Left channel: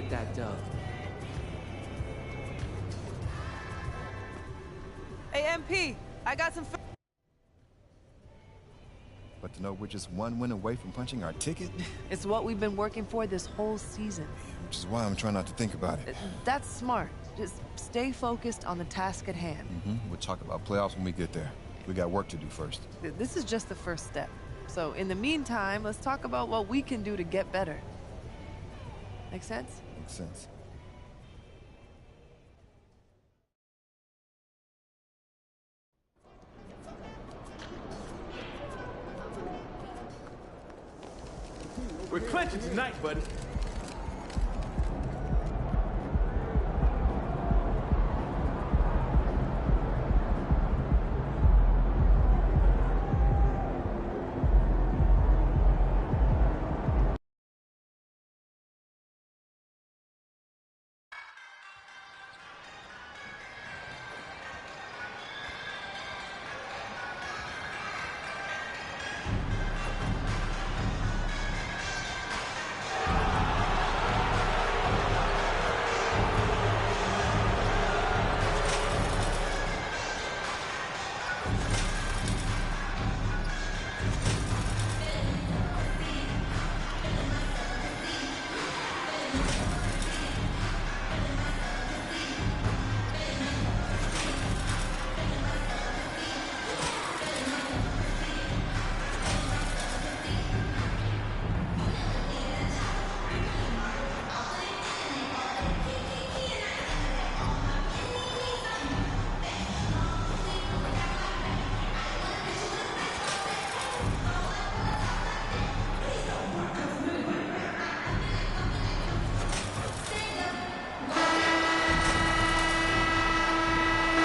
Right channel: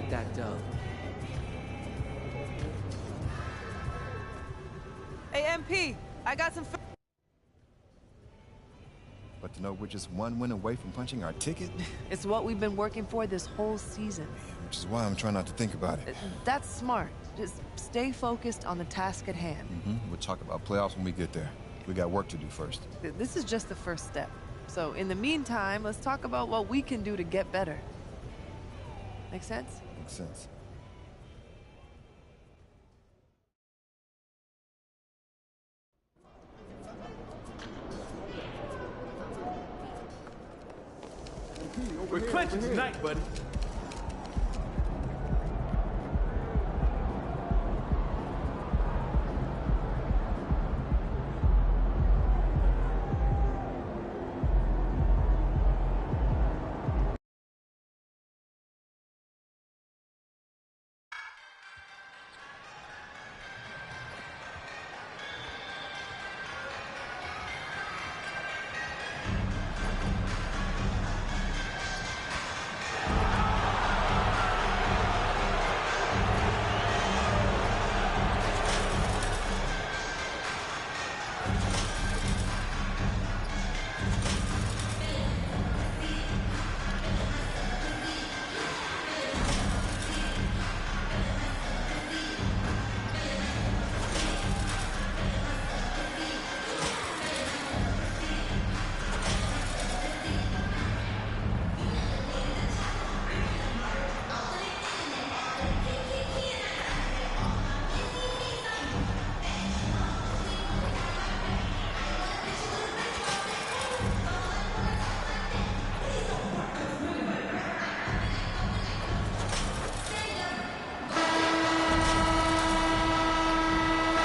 get that dub. Hey, MP, I got some... But to know we're just one win away from punching our ticket? It's what we've been working for this whole season. Which is why I'm trying not to think about it. That's smart. Just stay focused on the task at hand. We'll talk about playoffs when we get there. We got work to do first. This is just the first step. So in the meantime, let's talk about what we can do to get better. Make sense? Makes sense. We're clinching tonight, buddy.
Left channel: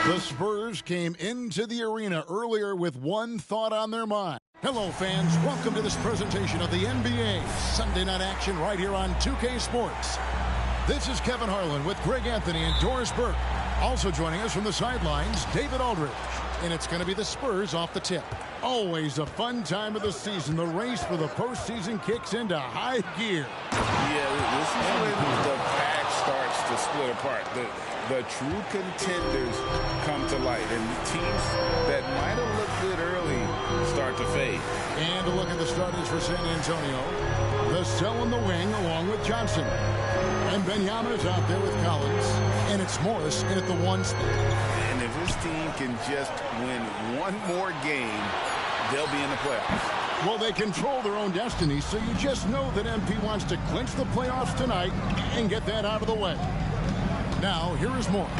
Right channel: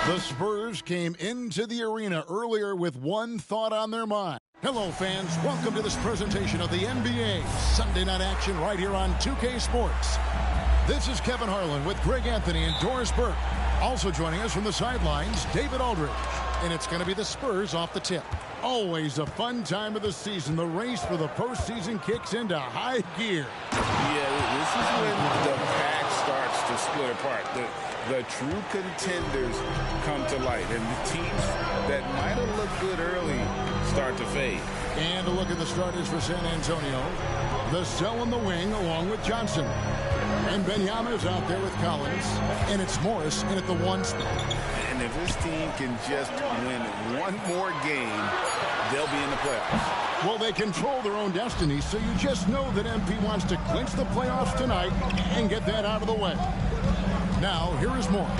The Spurs came into the arena earlier with one thought on their mind. Hello, fans. Welcome to this presentation of the NBA Sunday Night Action right here on 2K Sports. This is Kevin Harlan with Greg Anthony and Doris Burke. Also joining us from the sidelines, David Aldridge. And it's going to be the Spurs off the tip. Always a fun time of the season. The race for the postseason kicks into high gear. Yeah, this is when the pack starts to split apart. The true contenders come to light, and the teams that might have looked good early start to fade. And a look at the starters for San Antonio. The Cell in the wing along with Johnson. And Benyama's out there with Collins. And it's Morris in at the 1 spot. And if this team can just win one more game, they'll be in the playoffs. Well, they control their own destiny, so you just know that MP wants to clinch the playoffs tonight and get that out of the way. Now, here is Morris.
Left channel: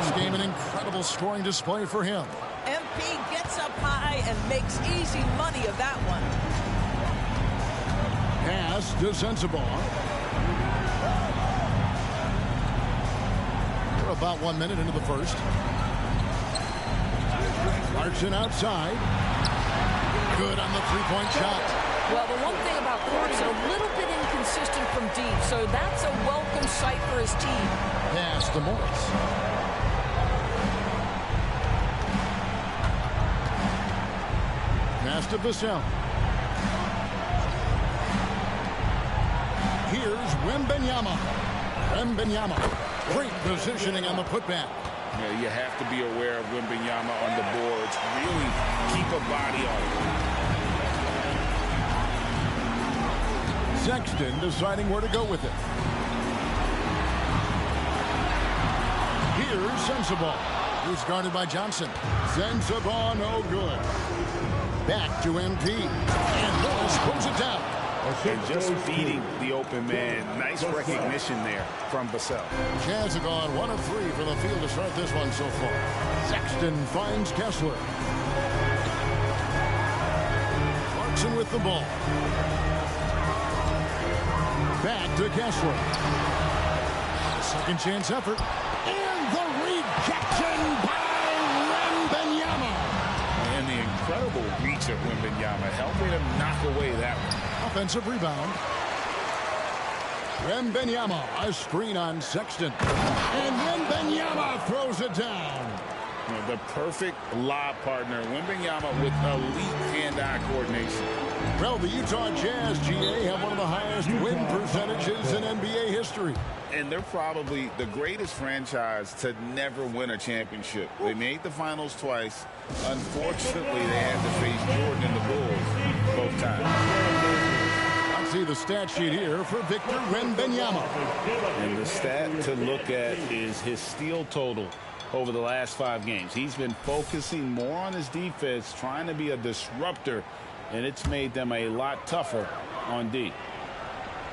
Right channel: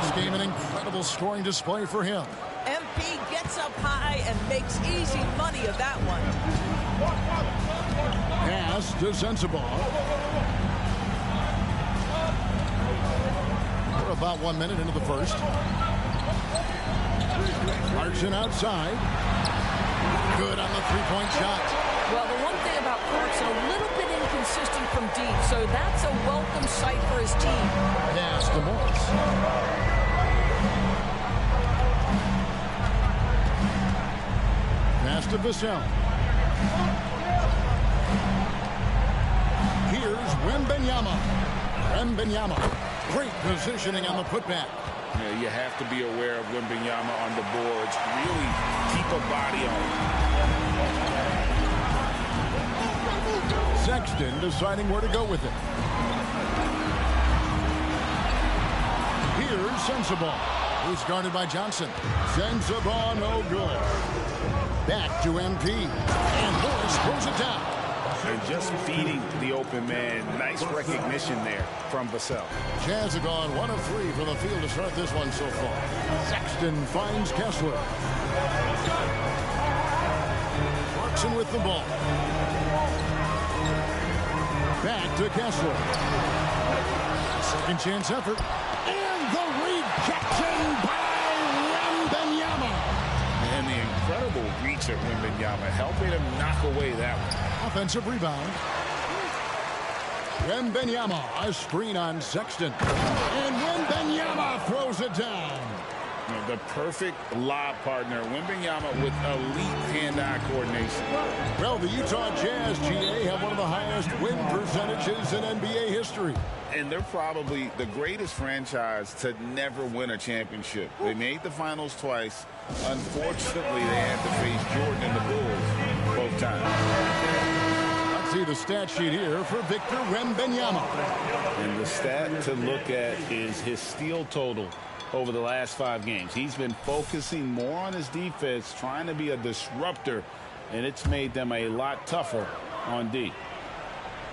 This game, an incredible scoring display for him. MP gets up high and makes easy money of that one. Pass to Sensabaugh. We're about 1 minute into the first. Clarkson outside. Good on the three-point shot. Well, the one thing about Clarkson, a little bit inconsistent from deep, so that's a welcome sight for his team. Pass to Morris. Pass to Vassell. Here's Wembanyama. Wembanyama. Great positioning on the putback. Yeah, you have to be aware of Wembanyama on the boards. Really keep a body on him. Sexton deciding where to go with it. Here's Sensabaugh. He's guarded by Johnson. Sensabaugh, no good. Back to MP. And Morris throws it down. And just feeding the open man. Nice recognition there from Vassell. Jazz have gone 1 of 3 from the field to start this one so far. Sexton finds Kessler. Clarkson with the ball. Back to Kessler. A second chance effort. And the rejection by Wembanyama. And the incredible reach of Wembanyama helping him knock away that one. Offensive rebound. Wembanyama, a screen on Sexton. And Wembanyama throws it down. You know, the perfect lob partner, Wembanyama, with elite hand-eye coordination. Well, the Utah Jazz, GA, have one of the highest win percentages in NBA history. And they're probably the greatest franchise to never win a championship. They made the finals twice. Unfortunately, they had to face Jordan and the Bulls both times. Let's see the stat sheet here for Victor Wembanyama. And the stat to look at is his steal total over the last 5 games. He's been focusing more on his defense, trying to be a disruptor, and it's made them a lot tougher on D.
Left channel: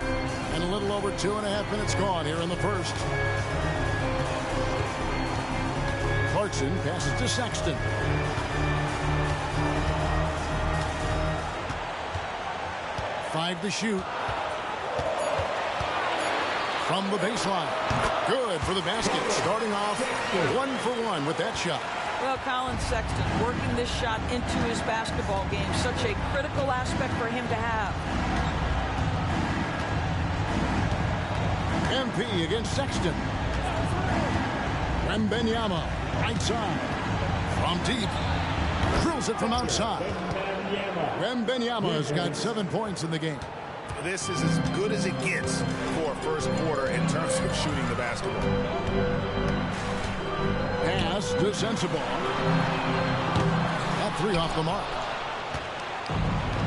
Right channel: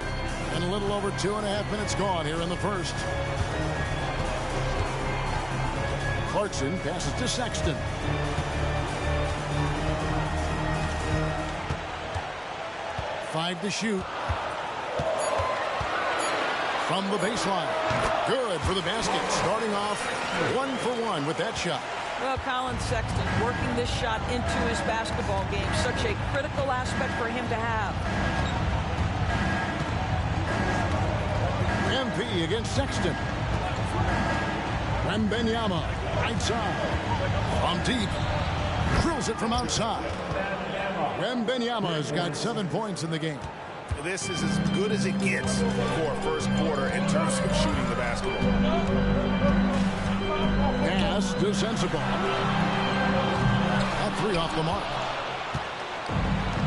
And a little over 2.5 minutes gone here in the first. Clarkson passes to Sexton. Five to shoot. From the baseline. Good for the basket. Starting off 1 for 1 with that shot. Well, Colin Sexton working this shot into his basketball game. Such a critical aspect for him to have. MP against Sexton. Wembanyama, right side. From deep. Drills it from outside. Wembanyama has got 7 points in the game. This is as good as it gets for a first quarter in terms of shooting the basketball. Pass to Sensabaugh. That 3 off the mark.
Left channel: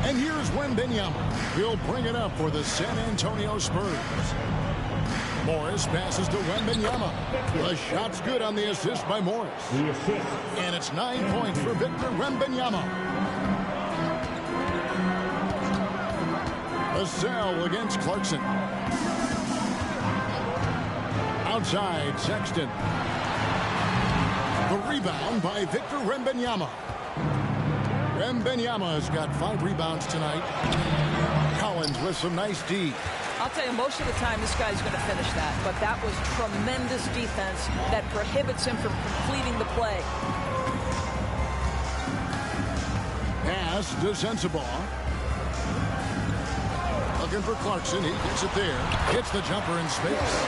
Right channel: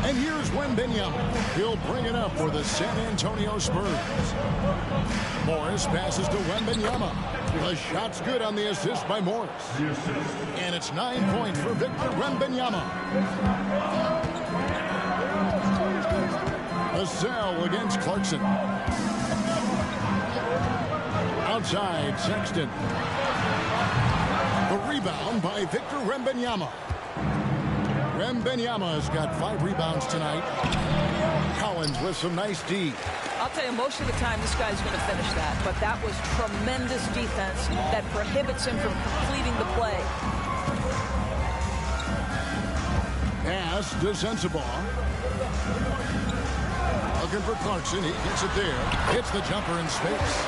And here's Wembanyama. He'll bring it up for the San Antonio Spurs. Morris passes to Wembanyama. The shot's good on the assist by Morris. And it's 9 points for Victor Wembanyama. Vassell against Clarkson. Outside, Sexton. The rebound by Victor Wembanyama. Wembanyama has got 5 rebounds tonight. Collins with some nice D. I'll tell you, most of the time this guy's going to finish that, but that was tremendous defense that prohibits him from completing the play. Pass to Sensabaugh. Looking for Clarkson. He gets it there. Hits the jumper in space.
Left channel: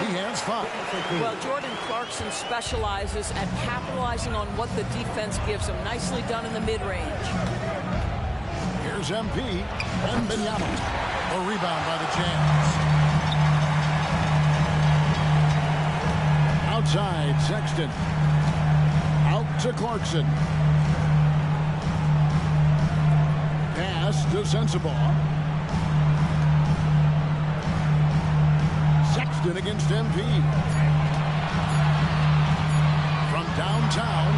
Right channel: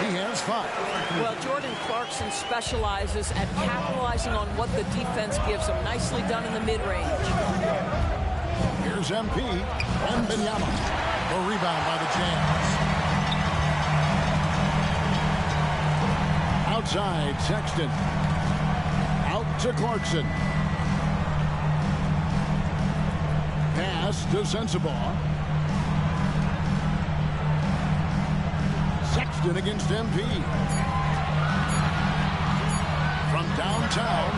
He has 5. Well, Jordan Clarkson specializes at capitalizing on what the defense gives him. Nicely done in the mid-range. Here's MP. Wembanyama. The rebound by the Jazz. Outside, Sexton. Out to Clarkson. Pass to Sensabaugh. Sexton against MP. From downtown,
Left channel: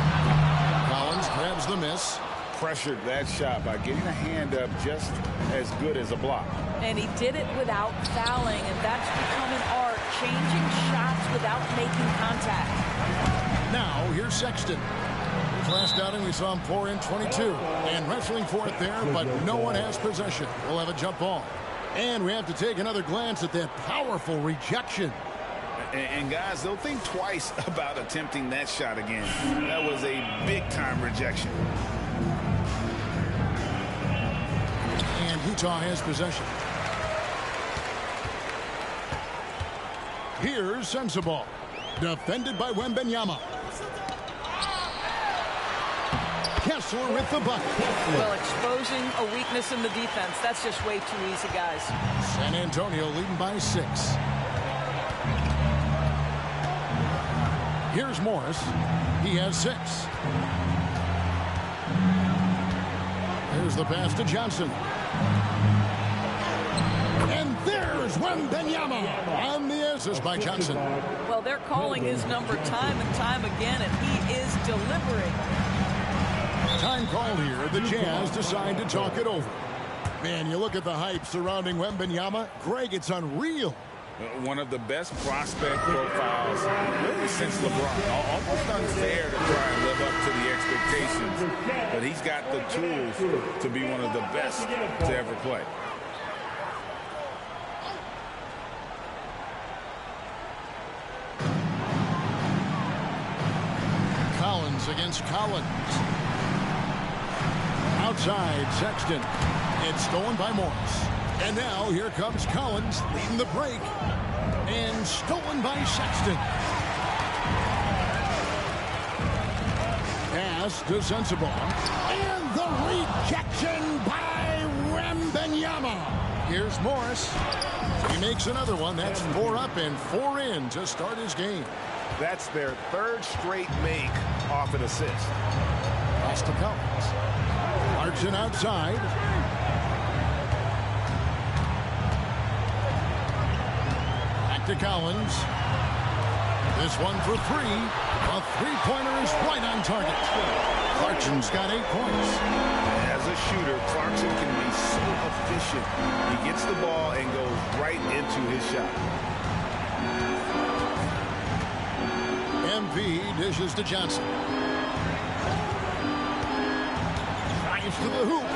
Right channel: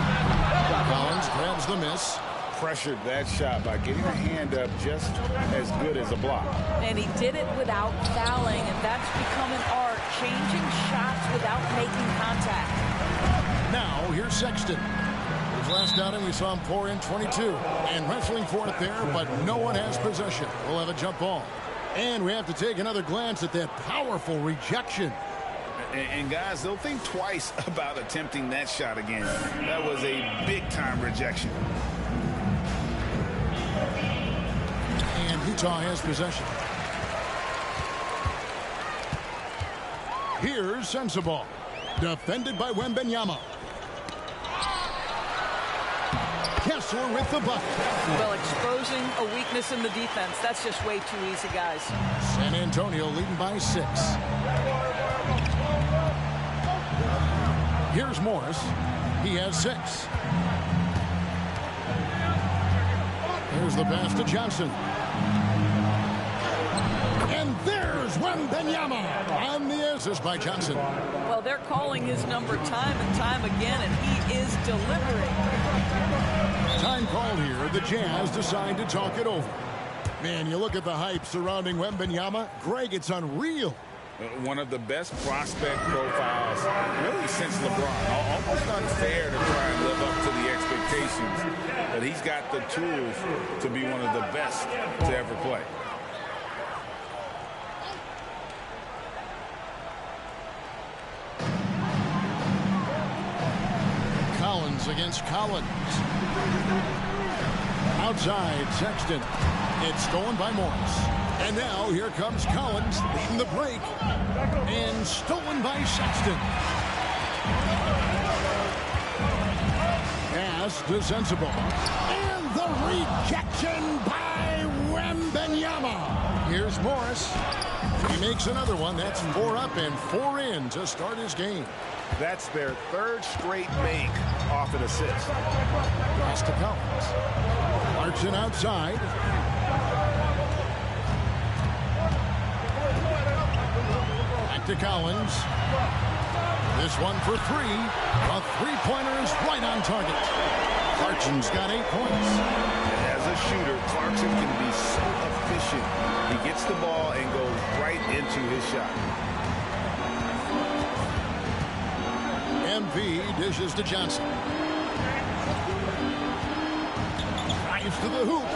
Collins grabs the miss. Pressured that shot by getting a hand up just as good as a block. And he did it without fouling, and that's become an art, changing shots without making contact. Now, here's Sexton. His last outing, we saw him pour in 22. And wrestling for it there, but no one has possession. We'll have a jump ball. And we have to take another glance at that powerful rejection. And guys, they'll think twice about attempting that shot again. That was a big-time rejection. And Utah has possession. Here's Sensabaugh. Defended by Wembanyama. Kessler with the bucket. Well, exposing a weakness in the defense. That's just way too easy, guys. San Antonio leading by 6. Here's Morris. He has 6. Here's the pass to Johnson. And there's Wembanyama on the assist by Johnson. Well, they're calling his number time and time again, and he is delivering. Time called here. The Jazz decide to talk it over. Man, you look at the hype surrounding Wembanyama. Greg, it's unreal. One of the best prospect profiles really since LeBron. Almost unfair to try and live up to the expectations, but he's got the tools to be one of the best to ever play. Collins against Collins. Outside, Sexton. It's stolen by Morris. And now here comes Collins leading the break. And stolen by Sexton. Pass to Sensible. And the rejection by Wembanyama. Here's Morris. He makes another one. That's 4 up and 4 in to start his game. That's their 3rd straight make off an assist. Pass to Collins. Clarkson outside. Back to Collins. This one for 3. A 3-pointer is right on target. Clarkson's got 8 points. As a shooter, Clarkson can be so efficient. He gets the ball and goes right into his shot. MP dishes to Johnson. Drives to the hoop.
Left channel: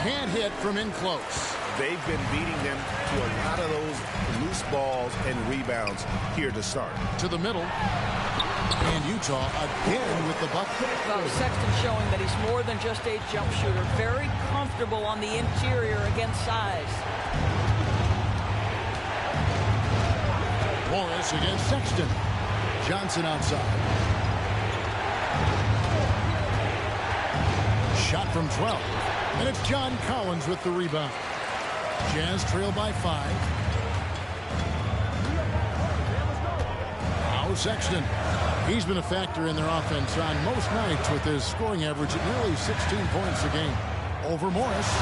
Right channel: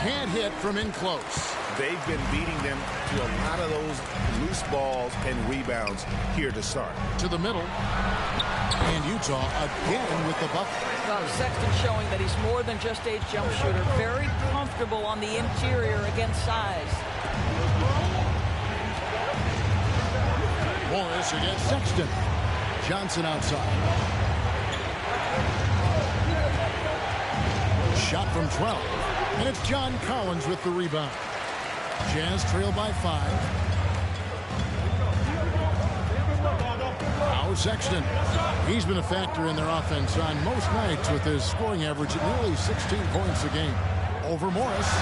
Can't hit from in close. They've been beating them to a lot of those loose balls and rebounds here to start. To the middle. And Utah again with the bucket. Well, Sexton showing that he's more than just a jump shooter. Very comfortable on the interior against size. Morris against Sexton. Johnson outside. Shot from 12. And it's John Collins with the rebound. Jazz trail by 5. Now Sexton. He's been a factor in their offense on most nights with his scoring average at nearly 16 points a game. Over Morris.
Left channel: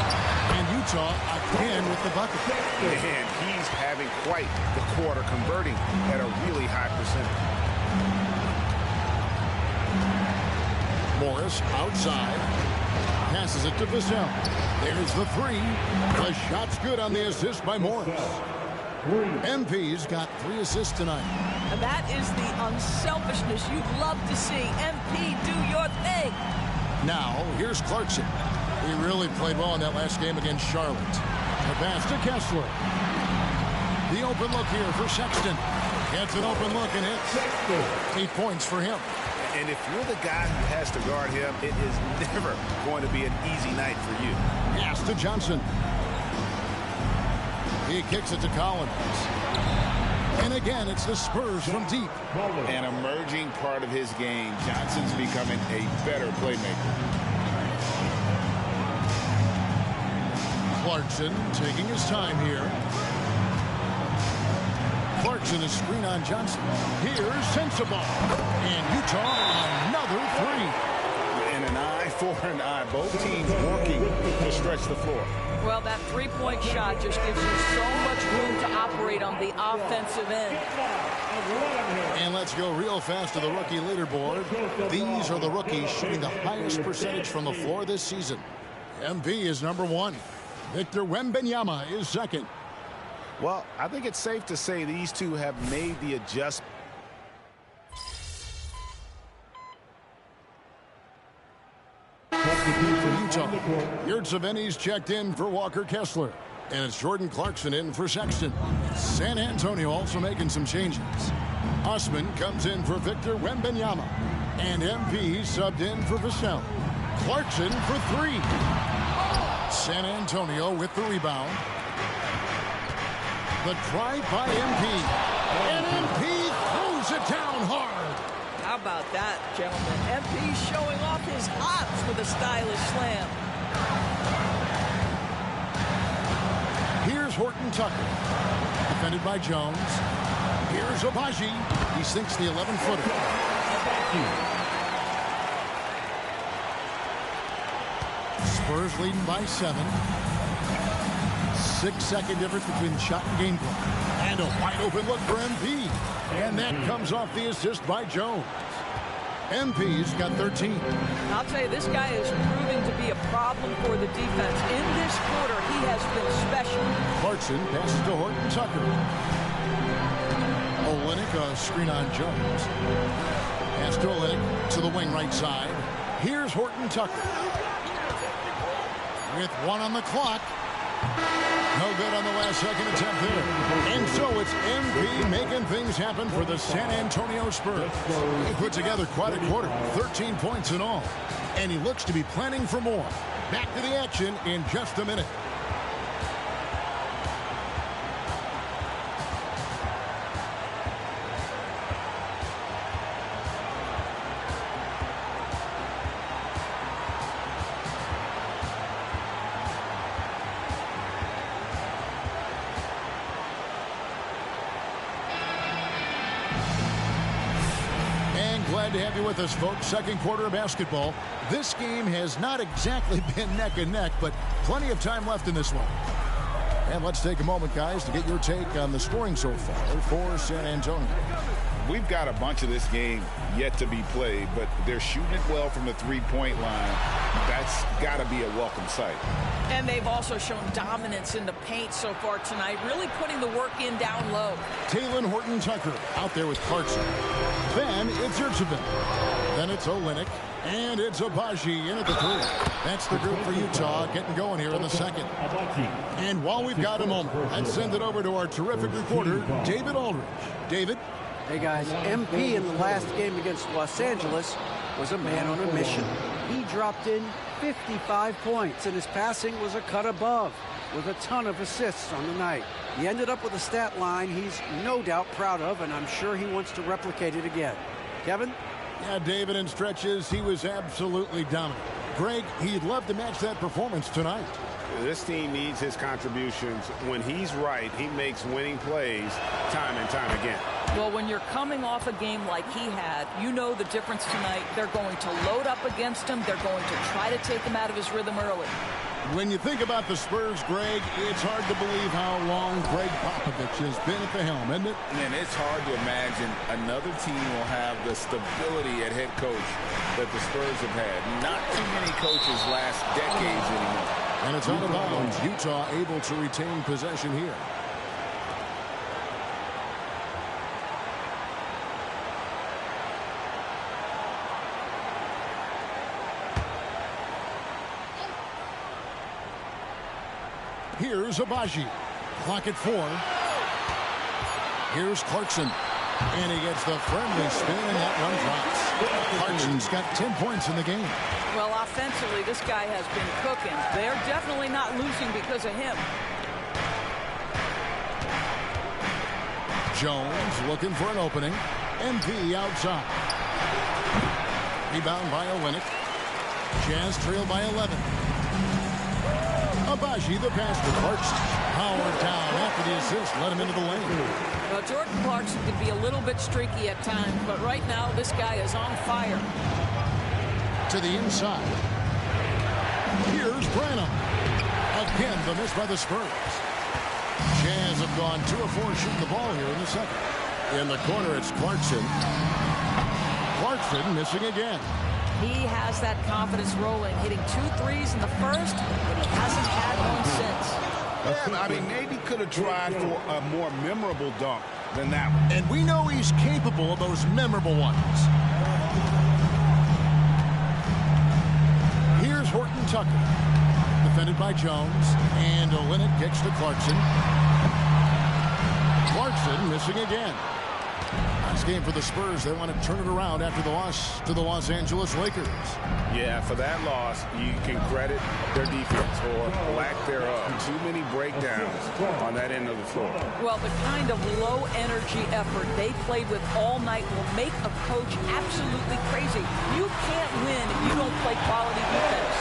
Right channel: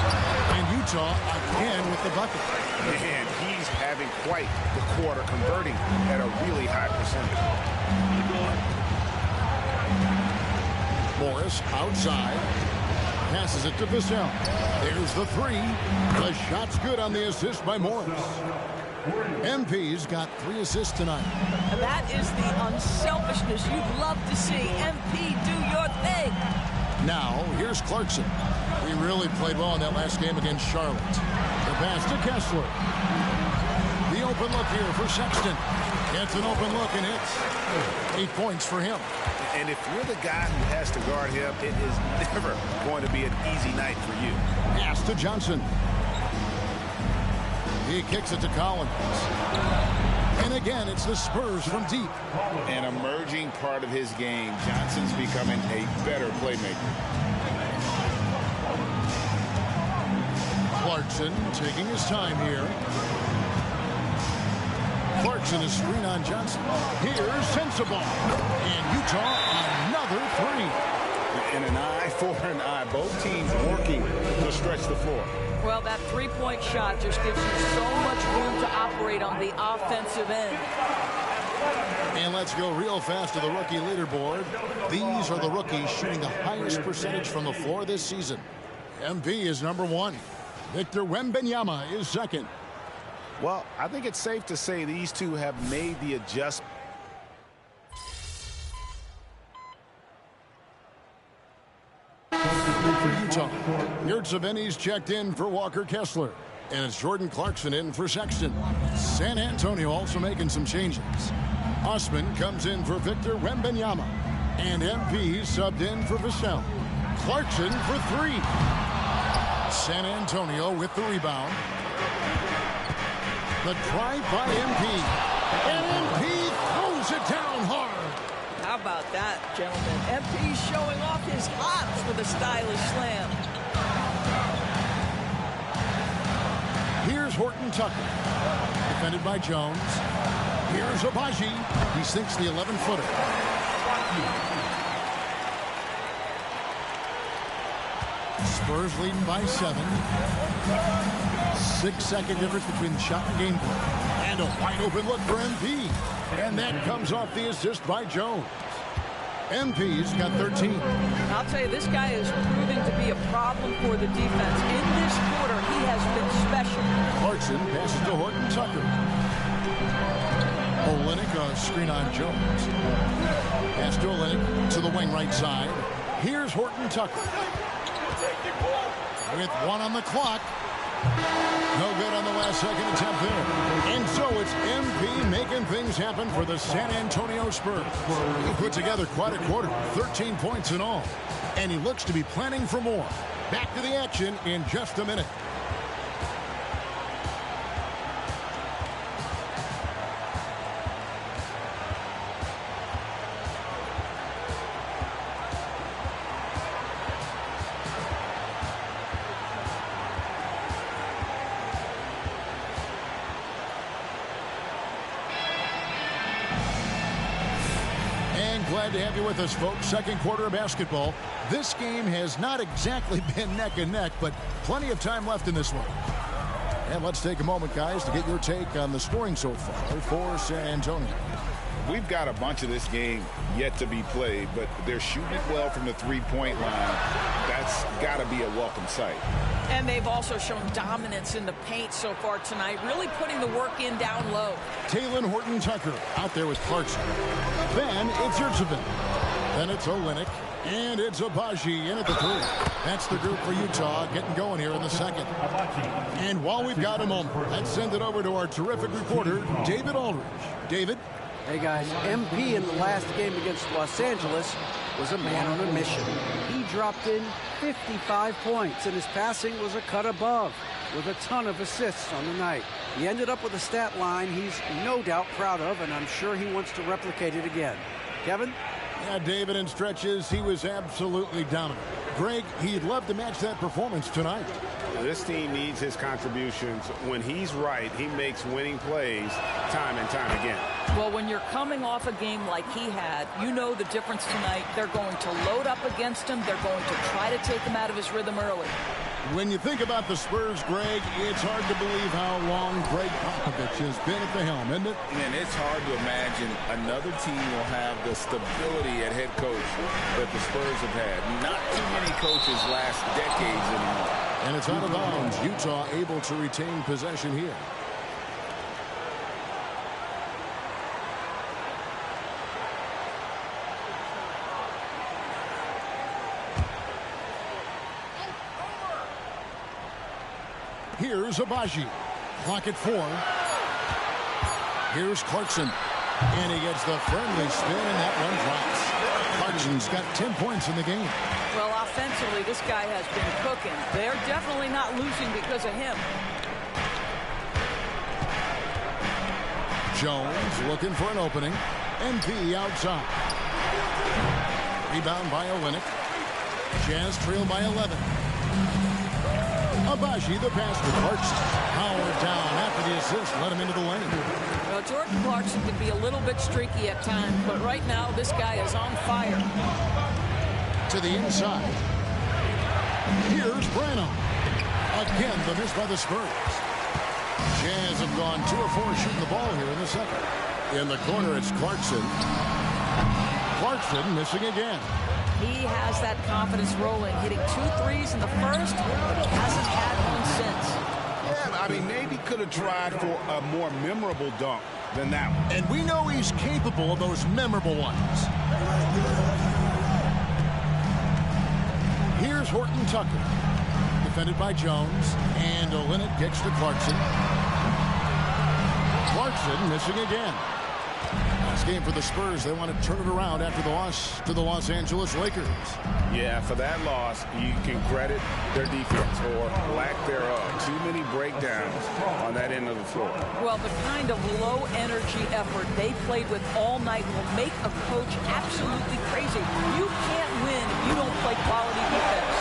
And Utah again with the bucket. Man, he's having quite the quarter, converting at a really high percentage. Morris outside. Passes it to Vassell. There's the 3. The shot's good on the assist by Morris. MP's got 3 assists tonight. And that is the unselfishness you'd love to see. MP, do your thing. Now, here's Clarkson. He really played well in that last game against Charlotte. The pass to Kessler. The open look here for Sexton. Gets an open look and hits. 8 points for him. And if you're the guy who has to guard him, it is never going to be an easy night for you. Pass to Johnson. He kicks it to Collins. And again, it's the Spurs from deep. An emerging part of his game. Johnson's becoming a better playmaker. Clarkson taking his time here. Clarkson is screen on Johnson. Here's Sensible. And Utah another 3. And an eye for an eye. Both teams working to stretch the floor. Well, that 3-point shot just gives you so much room to operate on the offensive end. And let's go real fast to the rookie leaderboard. These are the rookies shooting the highest percentage from the floor this season. MP is number 1. Victor Wembanyama is second. Well, I think it's safe to say these two have made the adjustment. For Utah, Yurtseven's checked in for Walker Kessler. And it's Jordan Clarkson in for Sexton. San Antonio also making some changes. Osman comes in for Victor Wembanyama. And MP subbed in for Vassell. Clarkson for 3. San Antonio with the rebound. The drive by MP. And MP throws it down hard. How about that, gentlemen? MP showing off his hops with a stylish slam. Here's Horton Tucker. Defended by Jones. Here's Abaji. He sinks the 11-footer. Spurs leading by 7. 6-second difference between the shot and game play. And a wide open look for MP. And that comes off the assist by Jones. MP's got 13. I'll tell you, this guy is proving to be a problem for the defense. In this quarter, he has been special. Clarkson passes to Horton Tucker. Olynyk, a screen on Jones. Pass to Olynyk to the wing right side. Here's Horton Tucker. With 1 on the clock. No good on the last second attempt there. And so it's MP making things happen for the San Antonio Spurs. He put together quite a quarter, 13 points in all. And he looks to be planning for more. Back to the action in just a minute. And glad to have you with us, folks. Second quarter of basketball. This game has not exactly been neck and neck, but plenty of time left in this one. And let's take a moment, guys, to get your take on the scoring so far for San Antonio. We've got a bunch of this game yet to be played, but they're shooting it well from the three-point line. That's got to be a welcome sight. And they've also shown dominance in the paint so far tonight, really putting the work in down low. Talon Horton-Tucker out there with Clarkson. Then it's Yurtsevin. Then it's Olynyk. And it's Abaji in at the three. That's the group for Utah getting going here in the second. And while we've got a moment, let's send it over to our terrific reporter, David Aldridge. David? Hey guys, MP in the last game against Los Angeles was a man on a mission. He dropped in 55 points, and his passing was a cut above, with a ton of assists on the night. He ended up with a stat line he's no doubt proud of, and I'm sure he wants to replicate it again. Kevin? Yeah, David, in stretches, he was absolutely dominant. Greg, he'd love to match that performance tonight. This team needs his contributions. When he's right, he makes winning plays time and time again. Well, when you're coming off a game like he had, you know the difference tonight. They're going to load up against him. They're going to try to take him out of his rhythm early. When you think about the Spurs, Greg, it's hard to believe how long Greg Popovich has been at the helm, isn't it? And it's hard to imagine another team will have the stability at head coach that the Spurs have had. Not too many coaches last decades anymore. And it's out of bounds. Utah able to retain possession here. Here's Abaji. Clock at 4. Here's Clarkson. And he gets the friendly spin, and that one drops. Clarkson's got 10 points in the game. Well, offensively, this guy has been cooking. They're definitely not losing because of him. Jones looking for an opening. MP outside. Rebound by Olynyk. Jazz trail by 11. Abaji, the pass to Clarkson. Howard down after the assist. Let him into the lane. Well, Jordan Clarkson can be a little bit streaky at times, but right now this guy is on fire. To the inside. Here's Branham. Again, the miss by the Spurs. Jazz have gone 2 of 4 shooting the ball here in the second. In the corner, it's Clarkson. Clarkson missing again. He has that confidence rolling, hitting 2 threes in the first, but he hasn't had one since. Yeah, I mean, maybe could have tried for a more memorable dunk than that one. And we know he's capable of those memorable ones. Here's Horton-Tucker. Defended by Jones. And Olynyk gets to Clarkson. Clarkson missing again. Last game for the Spurs. They want to turn it around after the loss to the Los Angeles Lakers. Yeah, for that loss, you can credit their defense or lack thereof. Too many breakdowns on that end of the floor. Well, the kind of low-energy effort they played with all night will make a coach absolutely crazy. You can't win if you don't play quality defense.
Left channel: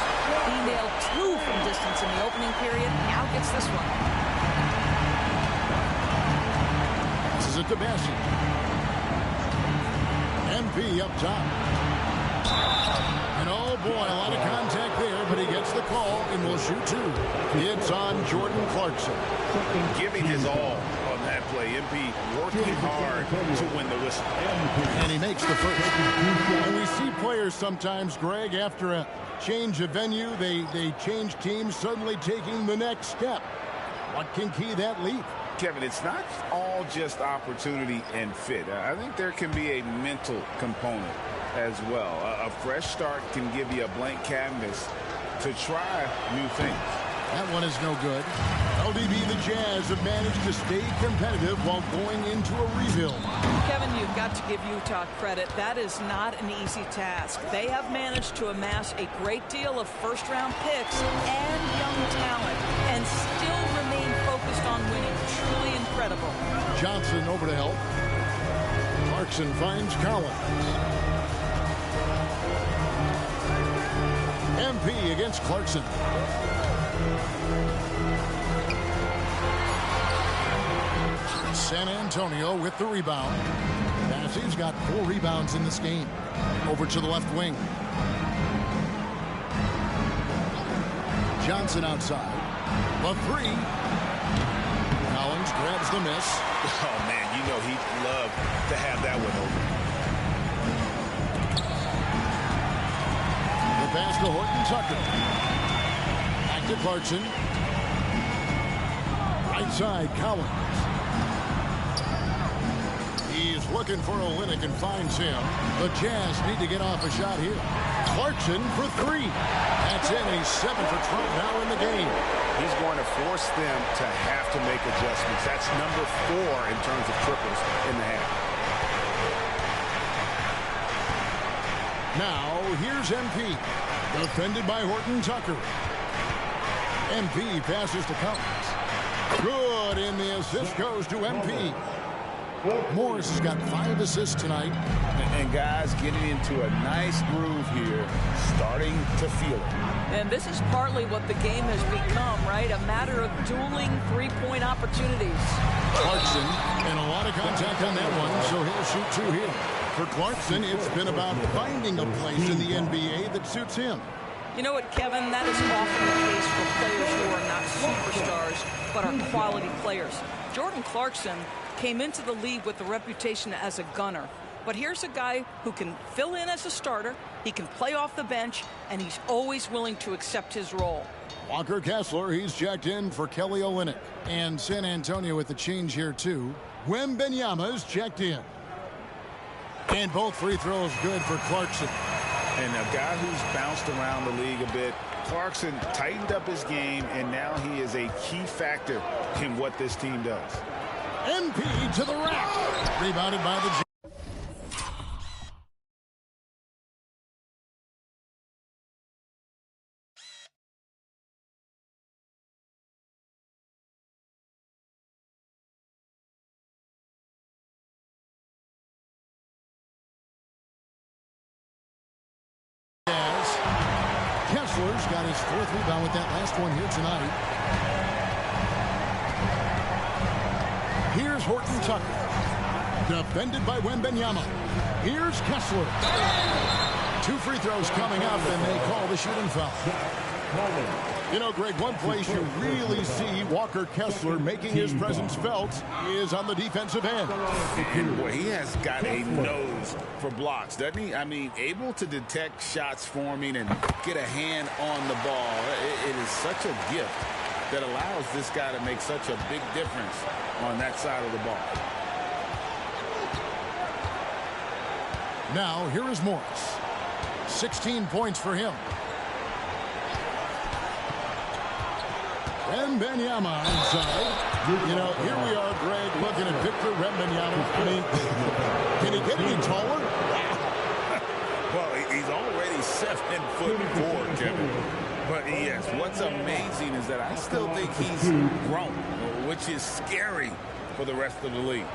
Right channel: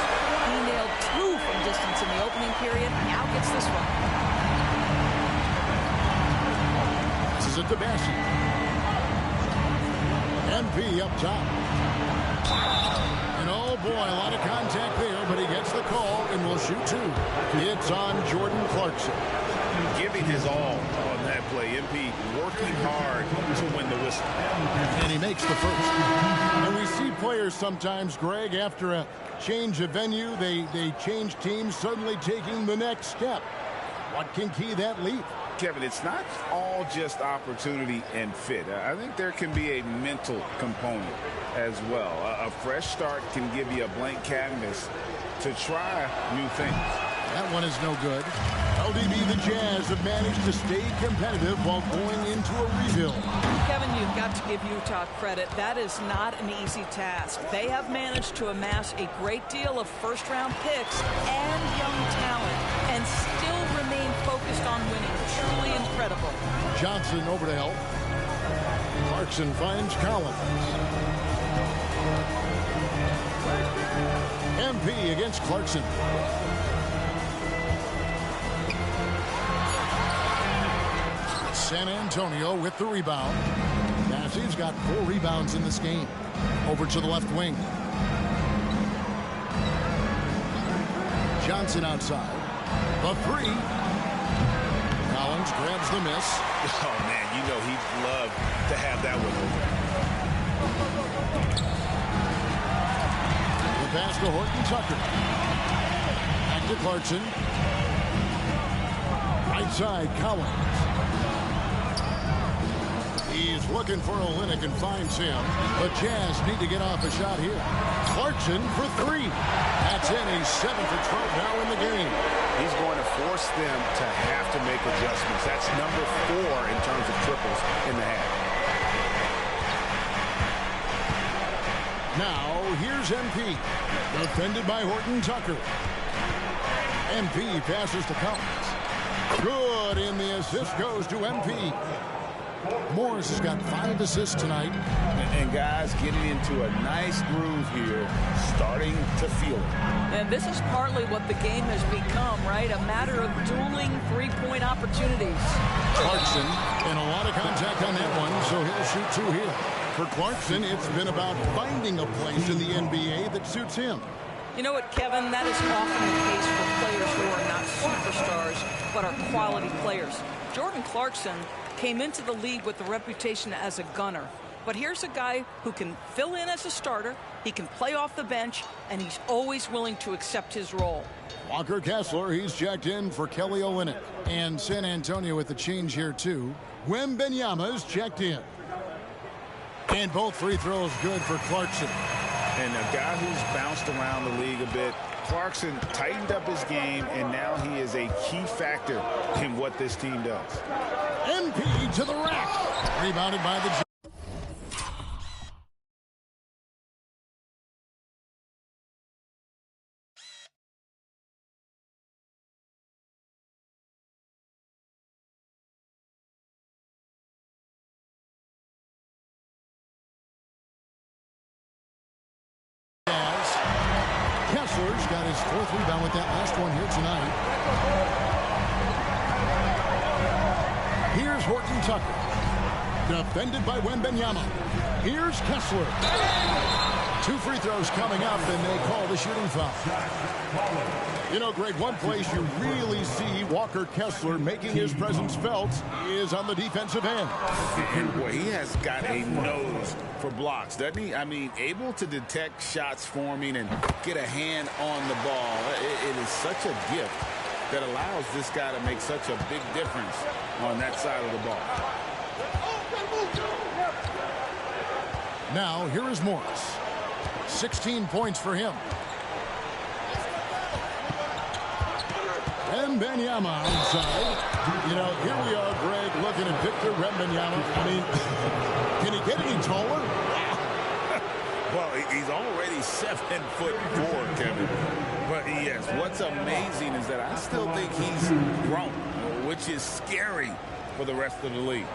He nailed 2 from distance in the opening period. Now gets this one. Passes it to Bassi. MP up top. And oh boy, a lot of contact there, but he gets the call and will shoot 2. It's on Jordan Clarkson. Giving his all on that play. MP working hard to win the whistle. And he makes the first. And we see players sometimes, Greg, after a change of venue, they change teams, suddenly taking the next step. What can key that leap? Kevin, it's not all just opportunity and fit. I think there can be a mental component as well. A fresh start can give you a blank canvas to try new things. That one is no good. LDB, the Jazz have managed to stay competitive while going into a rebuild. Kevin, you've got to give Utah credit. That is not an easy task. They have managed to amass a great deal of first-round picks and young talent and still remain focused on winning. Truly incredible. Johnson over to help. Clarkson finds Collins. MP against Clarkson. San Antonio with the rebound. He's got 4 rebounds in this game. Over to the left wing. Johnson outside. The 3. Collins grabs the miss. Oh, man, you know he'd love to have that one over. The pass to Horton Tucker. Back to Clarkson. Right side, Collins. He's looking for Olynyk and finds him. The Jazz need to get off a shot here. Clarkson for 3. That's in. He's 7 for 12 now in the game. He's going to force them to have to make adjustments. That's number 4 in terms of triples in the half. Now, here's MP. Defended by Horton Tucker. MP passes to Collins. Good, and the assist goes to MP. Morris has got 5 assists tonight. And guys getting into a nice groove here, starting to feel it. And this is partly what the game has become, right? A matter of dueling three-point opportunities. Clarkson, and a lot of contact on that one, so he'll shoot 2 here. For Clarkson, it's been about finding a place in the NBA that suits him. You know what, Kevin? That is often the case for players who are not superstars, but are quality players. Jordan Clarkson came into the league with a reputation as a gunner. But here's a guy who can fill in as a starter, he can play off the bench, and he's always willing to accept his role. Walker Kessler, he's checked in for Kelly Olynyk. And San Antonio with the change here, too. Wembanyama's checked in. And both free throws good for Clarkson. And a guy who's bounced around the league a bit, Clarkson tightened up his game, and now he is a key factor in what this team does. MP to the rack. Rebounded by the Jazz. Kessler's got his 4th rebound with that last one here tonight. Here's Horton Tucker. Defended by Wembanyama. Here's Kessler. 2 free throws coming up, and they call the shooting foul. You know, Greg, one place you really see Walker Kessler making his presence felt is on the defensive end. And boy, he has got a nose for blocks, doesn't he? I mean, able to detect shots forming and get a hand on the ball. It is such a gift that allows this guy to make such a big difference on that side of the ball. Now, here is Morris. 16 points for him. Wembanyama inside. You know, here we are, Greg, looking at Victor Wembanyama. I mean, can he get any taller? Wow. Well, he's already 7'4", Kevin. But yes, what's amazing is that I still think he's grown, which is scary for the rest of the league.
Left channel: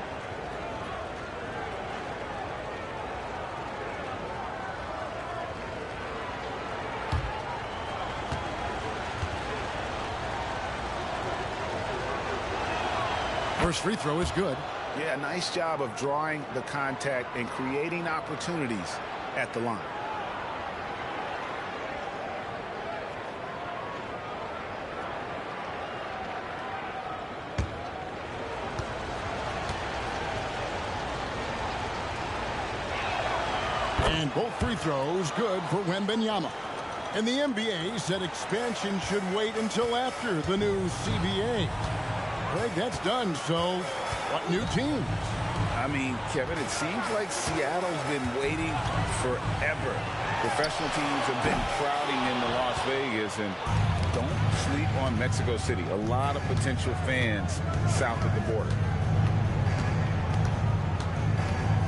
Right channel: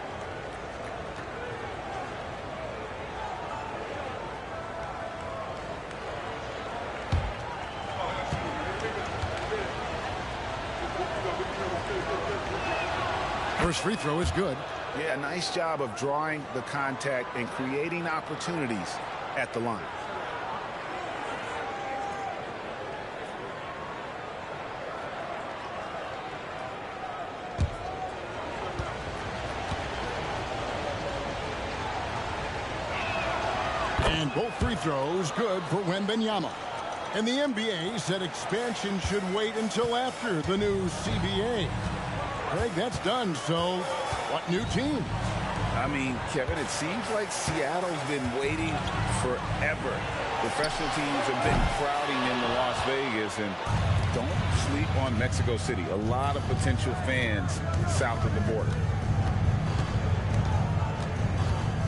First free throw is good. Yeah, nice job of drawing the contact and creating opportunities at the line. And both free throws good for Wembanyama. And the NBA said expansion should wait until after the new CBA. Greg, that's done, so what new teams? I mean, Kevin, it seems like Seattle's been waiting forever. Professional teams have been crowding into Las Vegas, and don't sleep on Mexico City. A lot of potential fans south of the border.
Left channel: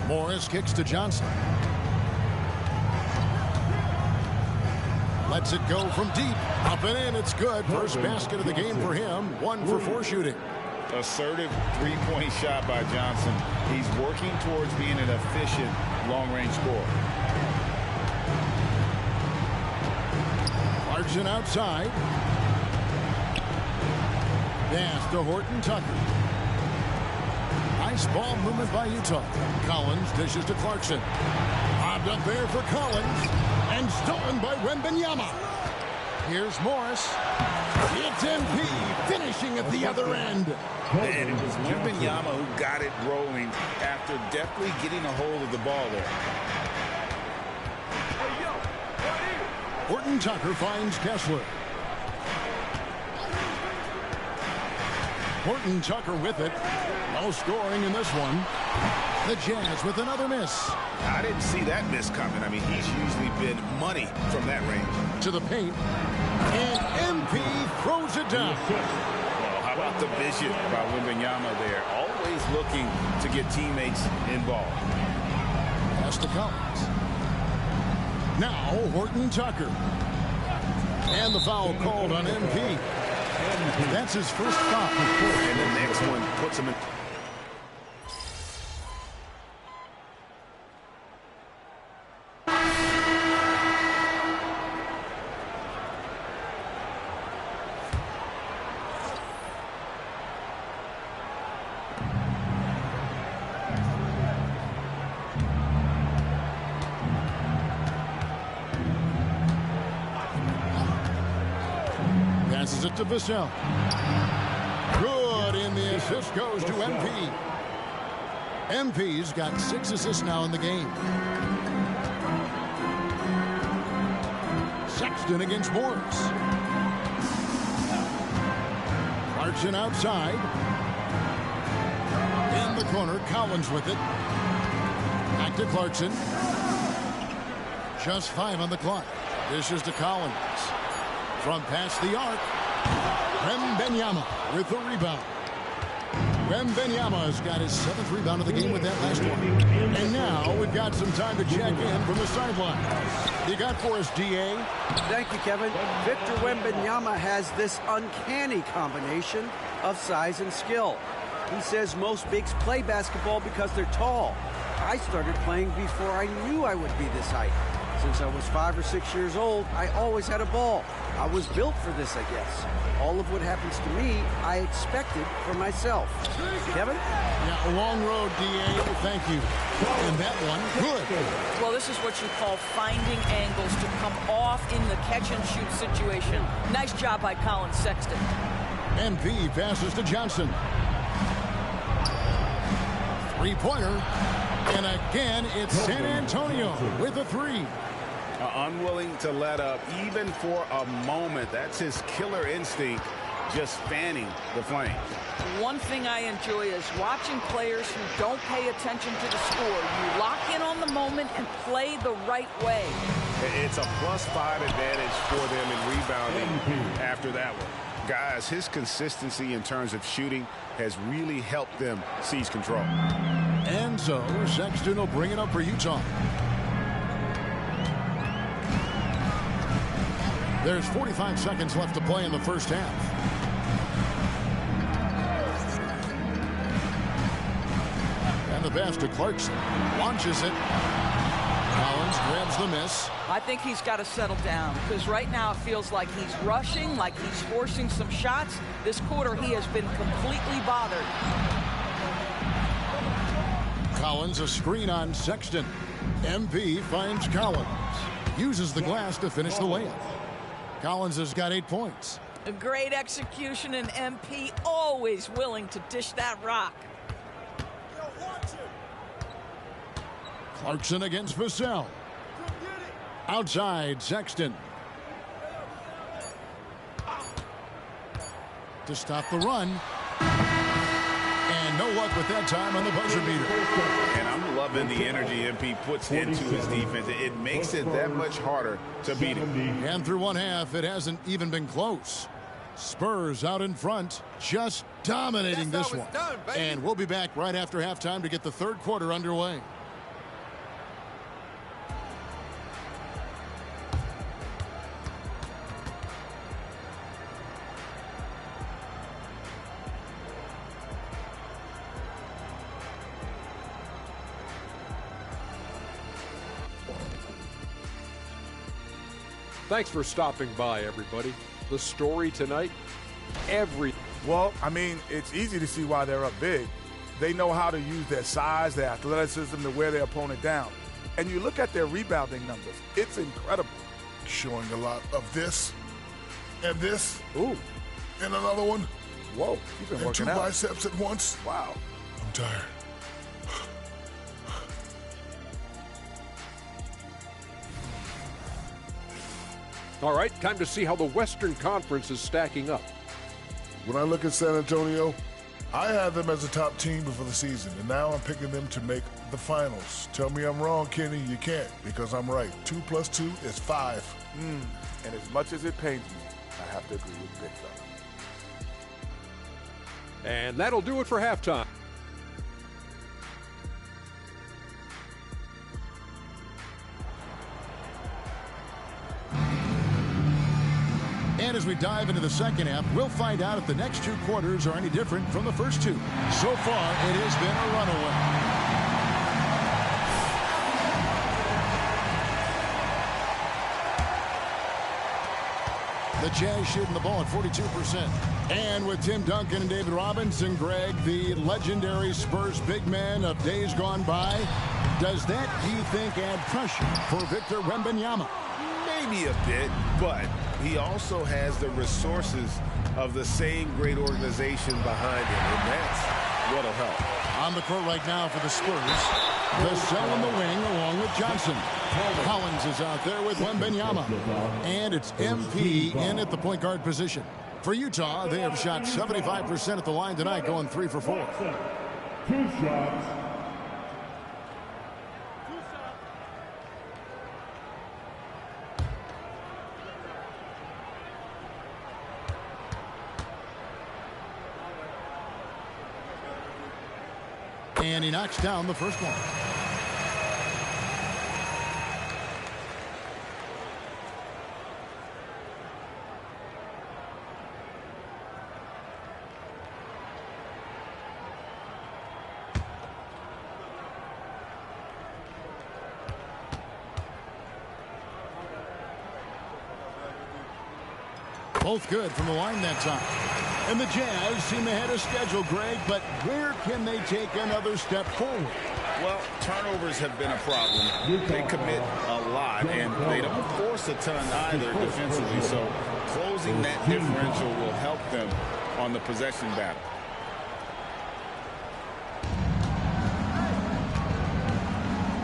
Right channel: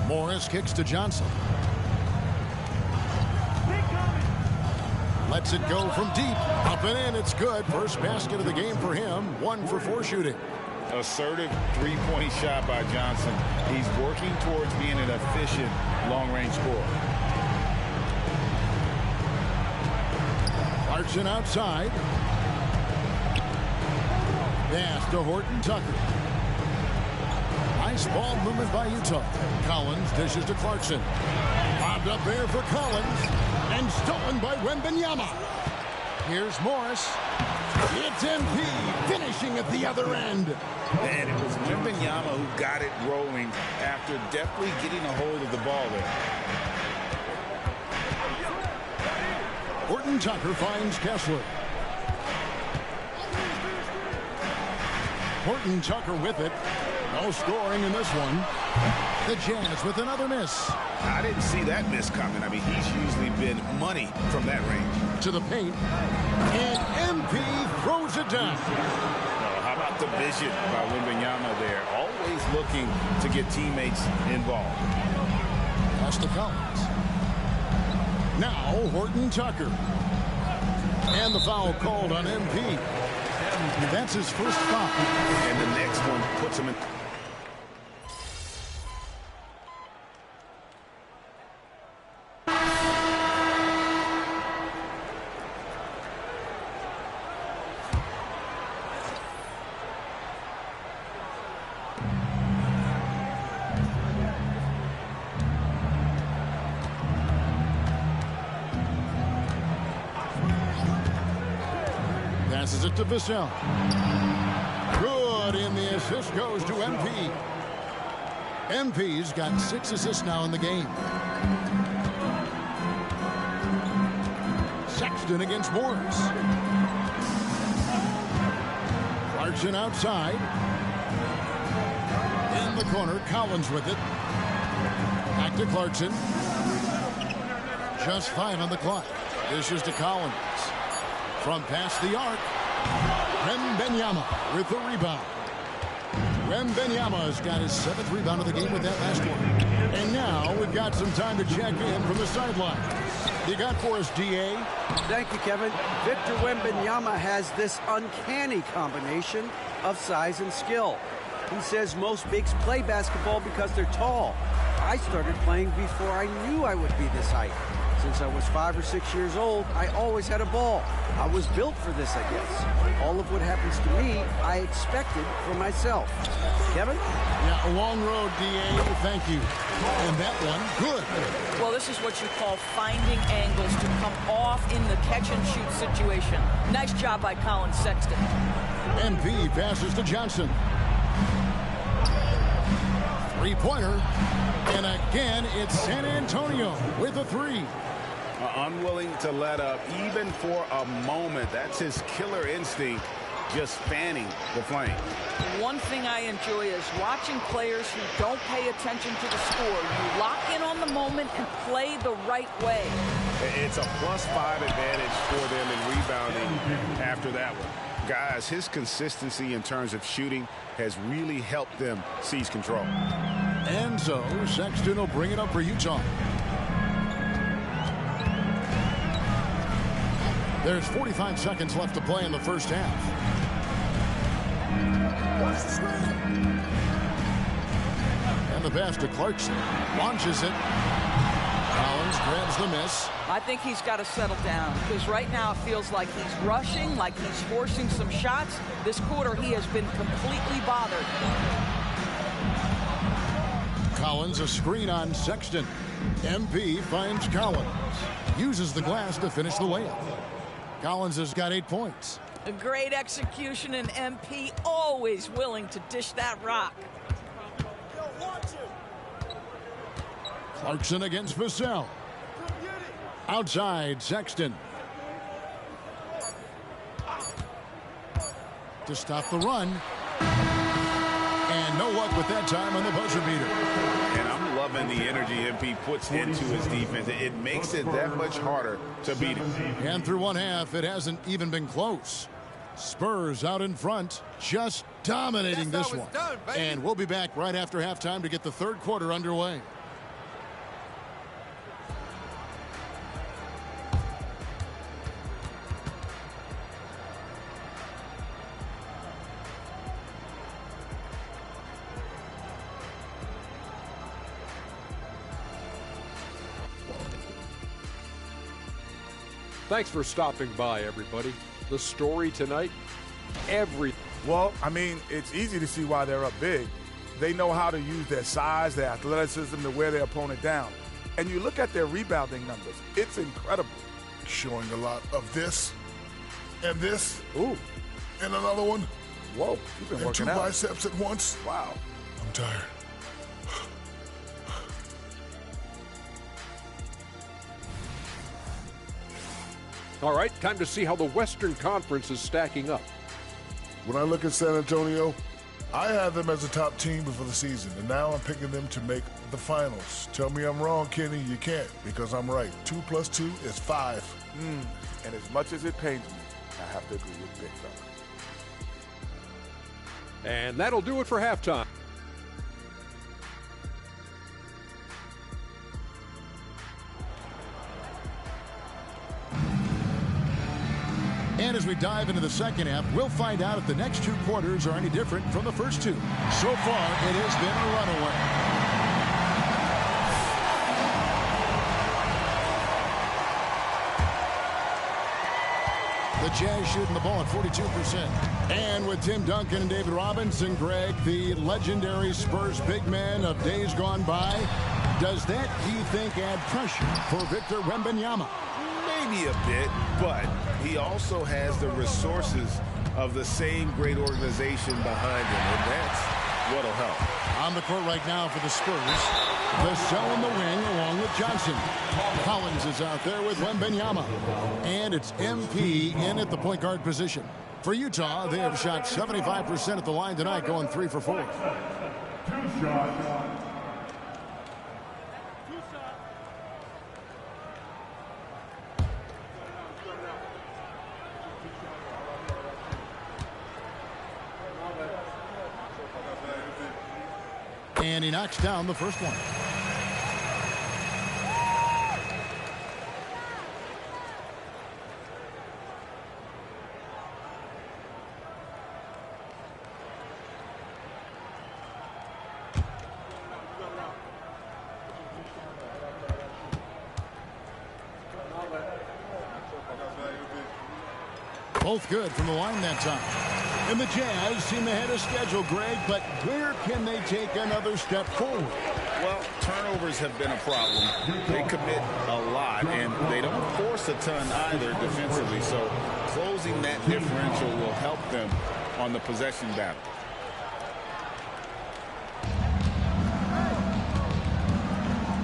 Morris kicks to Johnson. Lets it go from deep. Up and in, it's good. First basket of the game for him. 1 for 4 shooting. Assertive three-point shot by Johnson. He's working towards being an efficient long-range scorer. Clarkson outside. Pass to Horton Tucker. Nice ball movement by Utah. Collins dishes to Clarkson. Bobbed up there for Collins. And stolen by Wembanyama. Here's Morris. It's MP finishing at the other end. And it was Wembanyama who got it rolling after deftly getting a hold of the ball there. Horton Tucker finds Kessler. Horton Tucker with it. No scoring in this one. The Jazz with another miss. I didn't see that miss coming. I mean, he's usually been money from that range. To the paint. And MP throws it down. Oh, how about the vision by Wembanyama there? Always looking to get teammates involved. Pass to Collins. Now Horton Tucker. And the foul called on MP. That's his first foul. And the next one puts him in. Passes it to Vassell. Good, and the assist goes to MP. MP's got 6 assists now in the game. Sexton against Morris. Clarkson outside. In the corner, Collins with it. Back to Clarkson. Just 5 on the clock. This is to Collins. From past the arc, Wembanyama with the rebound. Wembanyama's got his 7th rebound of the game with that last one. And now we've got some time to check in from the sidelines. You got for us, D.A.? Thank you, Kevin. Victor Wembanyama has this uncanny combination of size and skill. He says most bigs play basketball because they're tall. I started playing before I knew I would be this height. Since I was 5 or 6 years old, I always had a ball. I was built for this, I guess. All of what happens to me, I expected for myself. Kevin? Yeah, a long road, D.A. Thank you. And that one, good. Well, this is what you call finding angles to come off in the catch-and-shoot situation. Nice job by Colin Sexton. MP passes to Johnson. Three-pointer. And again, it's San Antonio with a 3. Unwilling to let up even for a moment. That's his killer instinct, just fanning the flames. One thing I enjoy is watching players who don't pay attention to the score. You lock in on the moment and play the right way. It's a +5 advantage for them in rebounding after that one. Guys, his consistency in terms of shooting has really helped them seize control. And so Sexton will bring it up for Utah. There's 45 seconds left to play in the first half. And the pass to Clarkson. Launches it. Collins grabs the miss. I think he's got to settle down because right now it feels like he's rushing, like he's forcing some shots. This quarter he has been completely bothered. Collins a screen on Sexton. MP finds Collins. Uses the glass to finish the layup. Collins has got 8 points. A great execution, and MP always willing to dish that rock. Clarkson against Vassell. Outside, Sexton. To stop the run. And no luck with that time on the buzzer beater. And I'm loving the energy MP puts into his defense. It makes it that much harder to beat him. And through one half, it hasn't even been close. Spurs out in front, just dominating this one. And we'll be back right after halftime to get the third quarter underway. Thanks for stopping by, everybody. The story tonight, Well, I mean, it's easy to see why they're up big. They know how to use their size, their athleticism to wear their opponent down. And you look at their rebounding numbers, it's incredible. Showing a lot of this and this. Ooh. And another one. Whoa, you've been and working two out. biceps at once. Wow. I'm tired. All right, time to see how the Western Conference is stacking up. When I look at San Antonio, I had them as a top team before the season, and now I'm picking them to make the finals. Tell me I'm wrong, Kenny. You can't, because I'm right. 2 + 2 is 5. And as much as it pains me, I have to agree with Big Fella. And that'll do it for halftime. And as we dive into the second half, we'll find out if the next 2 quarters are any different from the first 2. So far, it has been a runaway. The Jazz shooting the ball at 42%. And with Tim Duncan and David Robinson, Greg, the legendary Spurs big man of days gone by, does that, do you think, add pressure for Victor Wembanyama? Maybe a bit, but he also has the resources of the same great organization behind him, and that's what'll help. On the court right now for the Spurs, Vassell in the wing along with Johnson. Collins is out there with Wembanyama. And it's MP in at the point guard position. For Utah, they have shot 75% at the line tonight, going 3 for 4. 2 shots. And he knocks down the first one. Both good from the line that time. And the Jazz seem ahead of schedule, Greg, but where can they take another step forward? Well, turnovers have been a problem. They commit a lot, and they don't force a ton either defensively, so closing that differential will help them on the possession battle.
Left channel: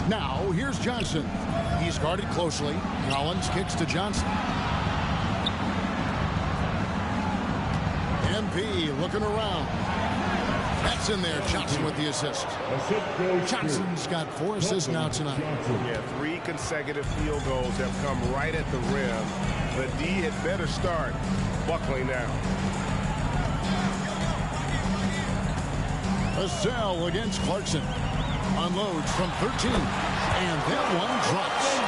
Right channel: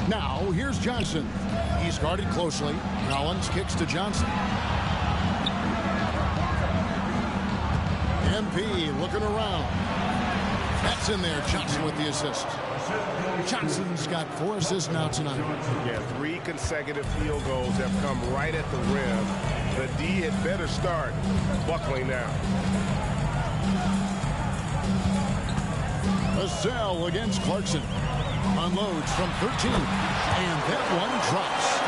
Now, here's Johnson. He's guarded closely. Collins kicks to Johnson. MP looking around. That's in there. Johnson with the assist. Johnson's got 4 assists now tonight. Yeah, 3 consecutive field goals have come right at the rim. The D had better start buckling now. Vassell against Clarkson. Unloads from 13. And that one drops.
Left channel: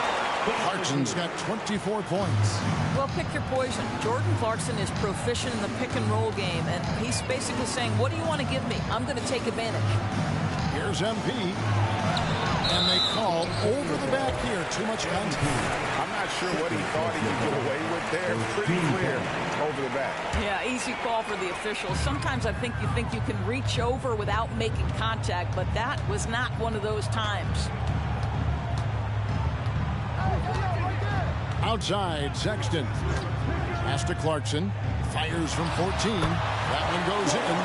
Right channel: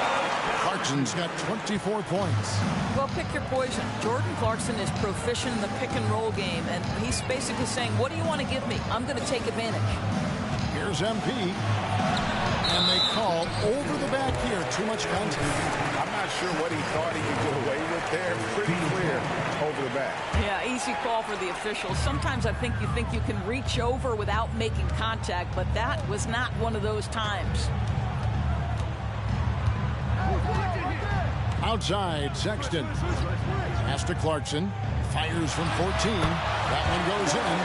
Clarkson's got 24 points. Well, pick your poison. Jordan Clarkson is proficient in the pick-and-roll game, and he's basically saying, what do you want to give me? I'm going to take advantage. Here's MP. And they call over the back here. Too much contact. I'm not sure what he thought he could get away with there. Pretty clear over the back. Yeah, easy call for the officials. Sometimes I think you can reach over without making contact, but that was not one of those times. Outside, Sexton. Pass to Clarkson. Fires from 14. That one goes in.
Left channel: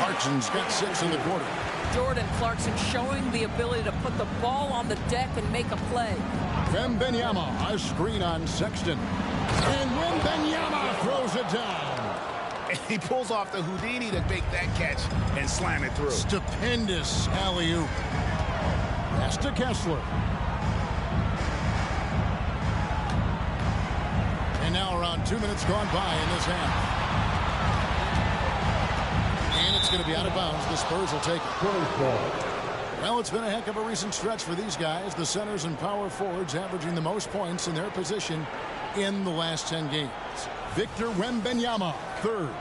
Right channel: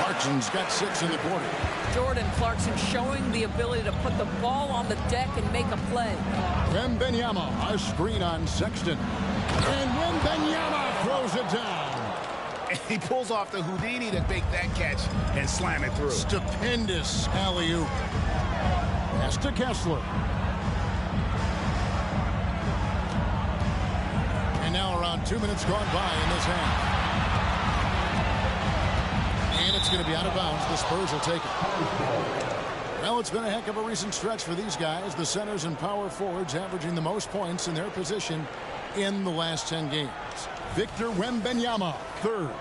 Clarkson's got 6 in the quarter. Jordan Clarkson showing the ability to put the ball on the deck and make a play. Wembanyama, a screen on Sexton. And Wembanyama throws it down. And he pulls off the Houdini to make that catch and slam it through. Stupendous alley-oop. Pass to Kessler. And now around 2 minutes gone by in this half. And it's going to be out of bounds. The Spurs will take it. Well, it's been a heck of a recent stretch for these guys. The centers and power forwards averaging the most points in their position in the last 10 games. Victor Wembanyama, 3rd.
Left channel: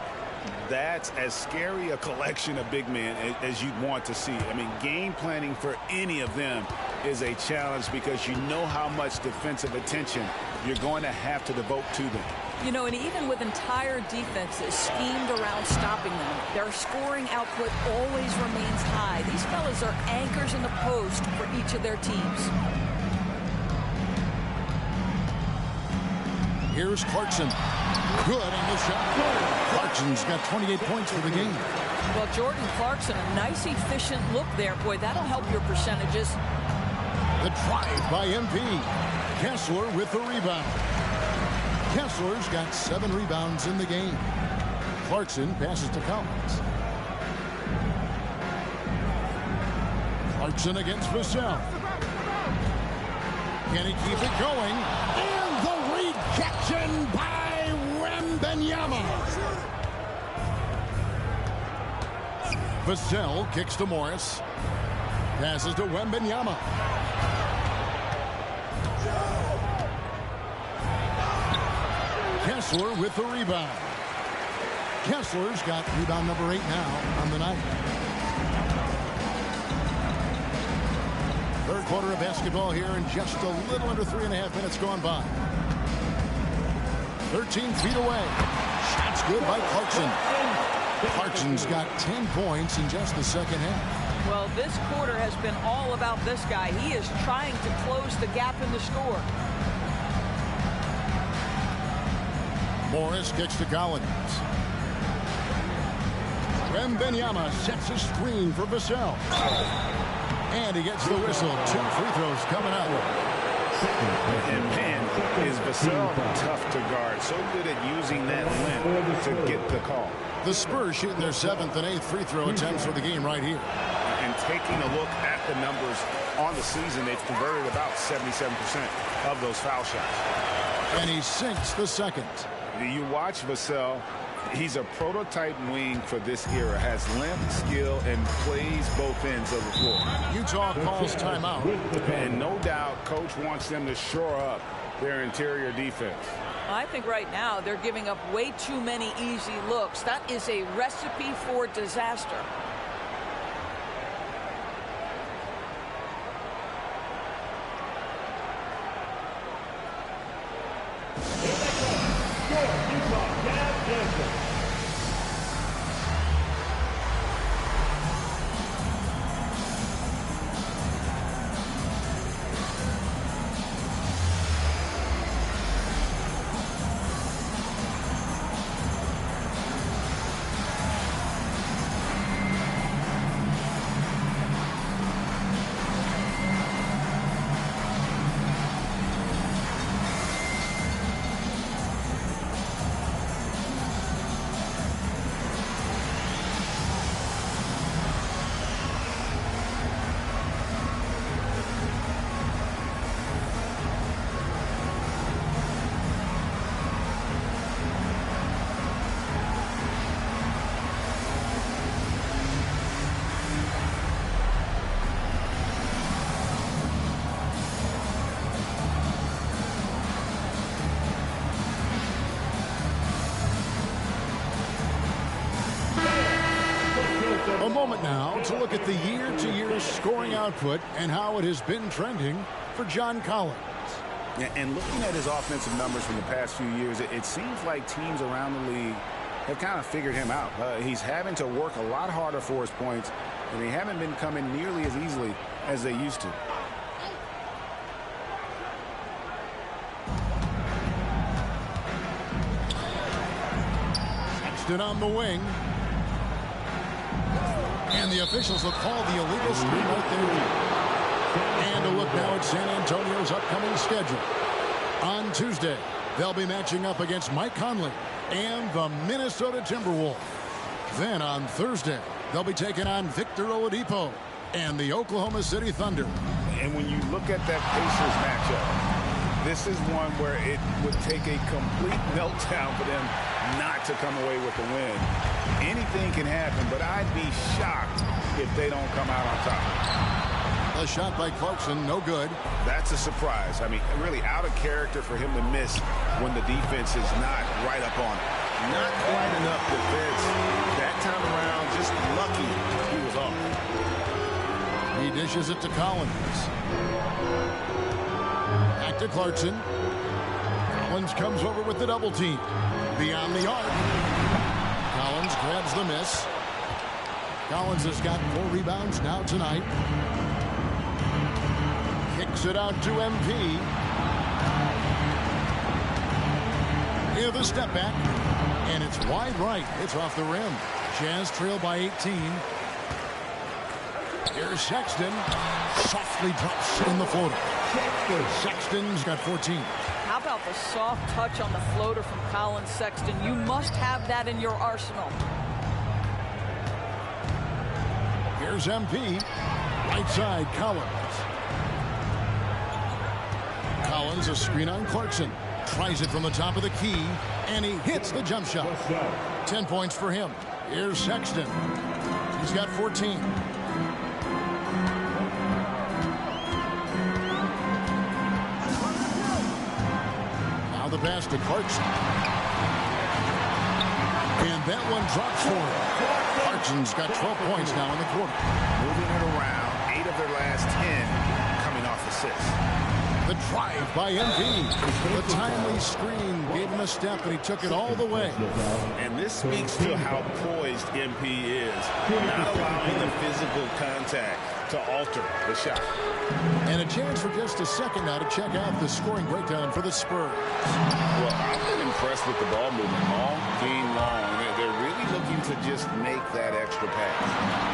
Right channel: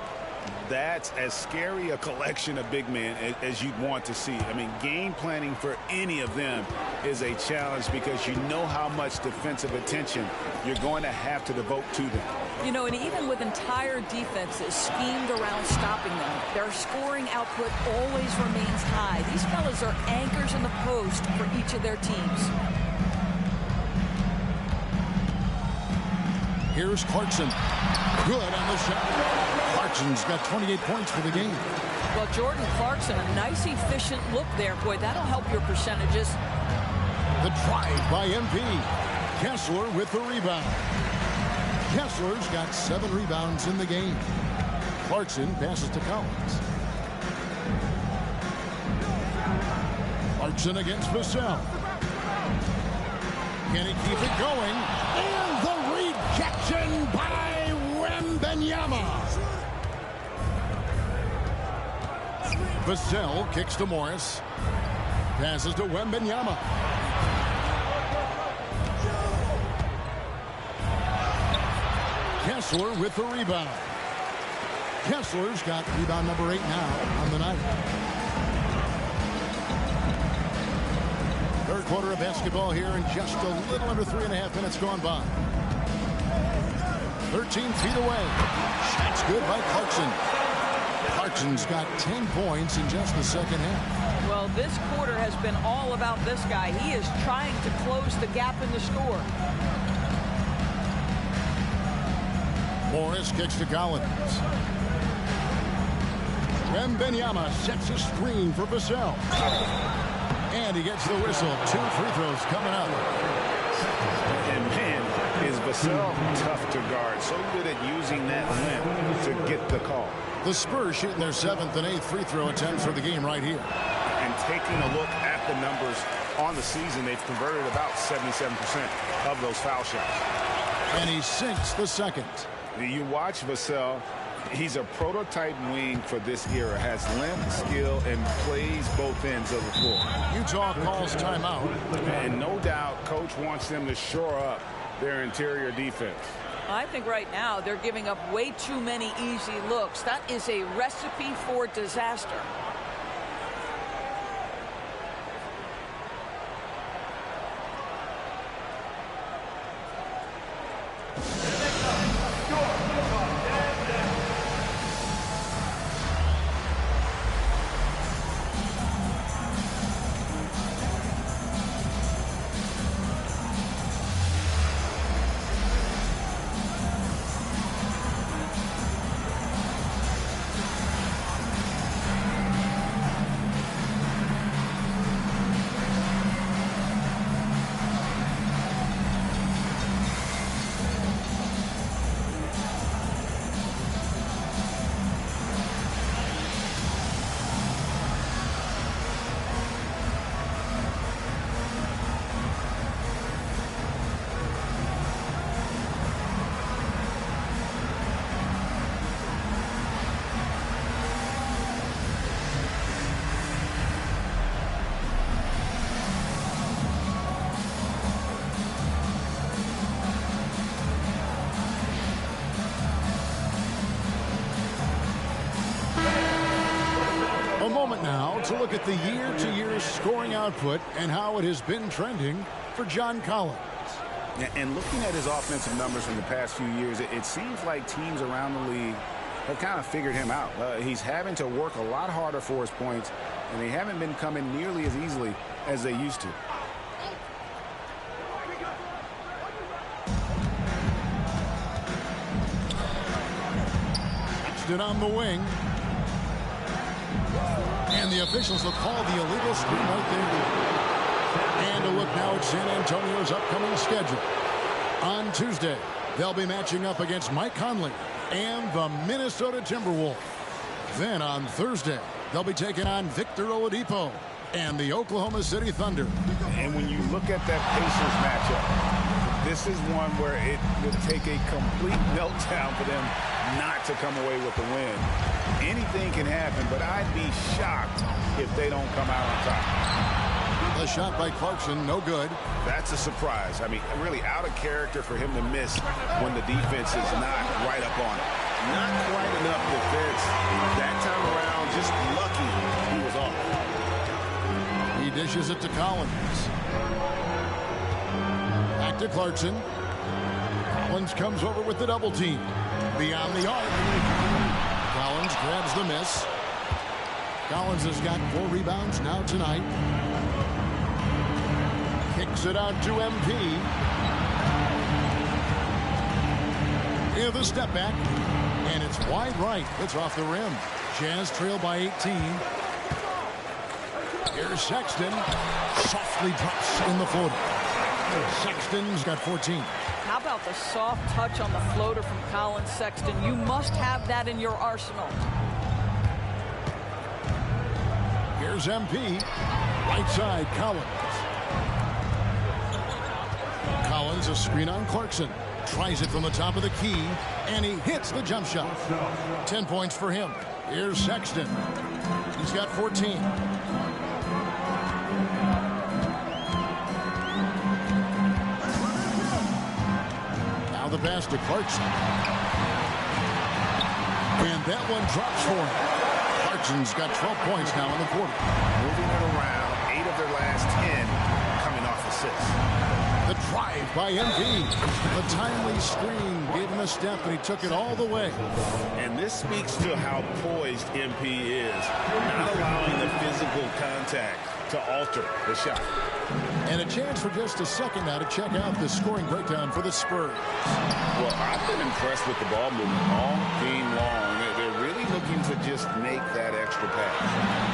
That's as scary a collection of big men as you'd want to see. I mean, game planning for any of them is a challenge because you know how much defensive attention you're going to have to devote to them. You know, and even with entire defenses schemed around stopping them, their scoring output always remains high. These fellas are anchors in the post for each of their teams. Here's Clarkson. Good on the shot. Clarkson's got 28 points for the game. Well, Jordan Clarkson, a nice, efficient look there. Boy, that'll help your percentages. The drive by MP. Kessler with the rebound. Kessler's got 7 rebounds in the game. Clarkson passes to Collins. Clarkson against Vassell. Can he keep it going? And the rejection by Wembanyama. Vassell kicks to Morris. Passes to Wembanyama. Kessler with the rebound. Kessler's got rebound number 8 now on the night. Third quarter of basketball here, and just a little under 3.5 minutes gone by. 13 feet away. Shot's good by Clarkson. Clarkson's got 10 points in just the second half. Well, this quarter has been all about this guy. He is trying to close the gap in the score. Morris kicks to Collins. Wembanyama sets a screen for Vassell. And he gets the whistle. 2 free throws coming up. And man, is Vassell tough to guard. So good at using that length to get the call. The Spurs shooting their 7th and 8th free throw attempts for the game right here. And taking a look at the numbers on the season, they've converted about 77% of those foul shots. And he sinks the second. You watch Vassell. He's a prototype wing for this era. Has length, skill, and plays both ends of the floor. Utah calls timeout. And no doubt, coach wants them to shore up their interior defense. I think right now they're giving up way too many easy looks. That is a recipe for disaster. A moment now to look at the year-to-year scoring output and how it has been trending for John Collins. Yeah, and looking at his offensive numbers from the past few years, it seems like teams around the league have kind of figured him out. He's having to work a lot harder for his points, and they haven't been coming nearly as easily as they used to. Sexton on the wing. And the officials will call the illegal screen right there. And a look now at San Antonio's upcoming schedule. On Tuesday, they'll be matching up against Mike Conley and the Minnesota Timberwolves. Then on Thursday, they'll be taking on Victor Oladipo and the Oklahoma City Thunder. And when you look at that Pacers matchup, this is one where it would take a complete meltdown for them not to come away with the win. Anything can happen, but I'd be shocked if they don't come out on top. The shot by Clarkson, no good. That's a surprise. I mean, really out of character for him to miss when the defense is not right up on it. Not quite enough defense. That time around, just lucky he was off. He dishes it to Collins. Back to Clarkson. Collins comes over with the double team. Beyond the arc. Collins grabs the miss. Collins has got 4 rebounds now tonight. Kicks it out to MP. Here's the step back. And it's wide right. It's off the rim. Jazz trail by 18. Here's Sexton. Softly drops in the floater. Sexton's got 14. How about the soft touch on the floater from Colin Sexton? You must have that in your arsenal. Here's MP. Right side, Collins. Collins, a screen on Clarkson. Tries it from the top of the key, and he hits the jump shot. 10 points for him. Here's Sexton. He's got 14. Now the pass to Clarkson. And that one drops for him. Clarkson's got 12 points now in the quarter. Moving it around, 8 of their last 10 coming off assists. The drive by MP. The timely screen gave him a step, and he took it all the way. And this speaks to how poised MP is, not allowing the physical contact to alter the shot. And a chance for just a second now to check out the scoring breakdown for the Spurs. Well, I've been impressed with the ball movement all game long. They're really looking to just make that extra pass.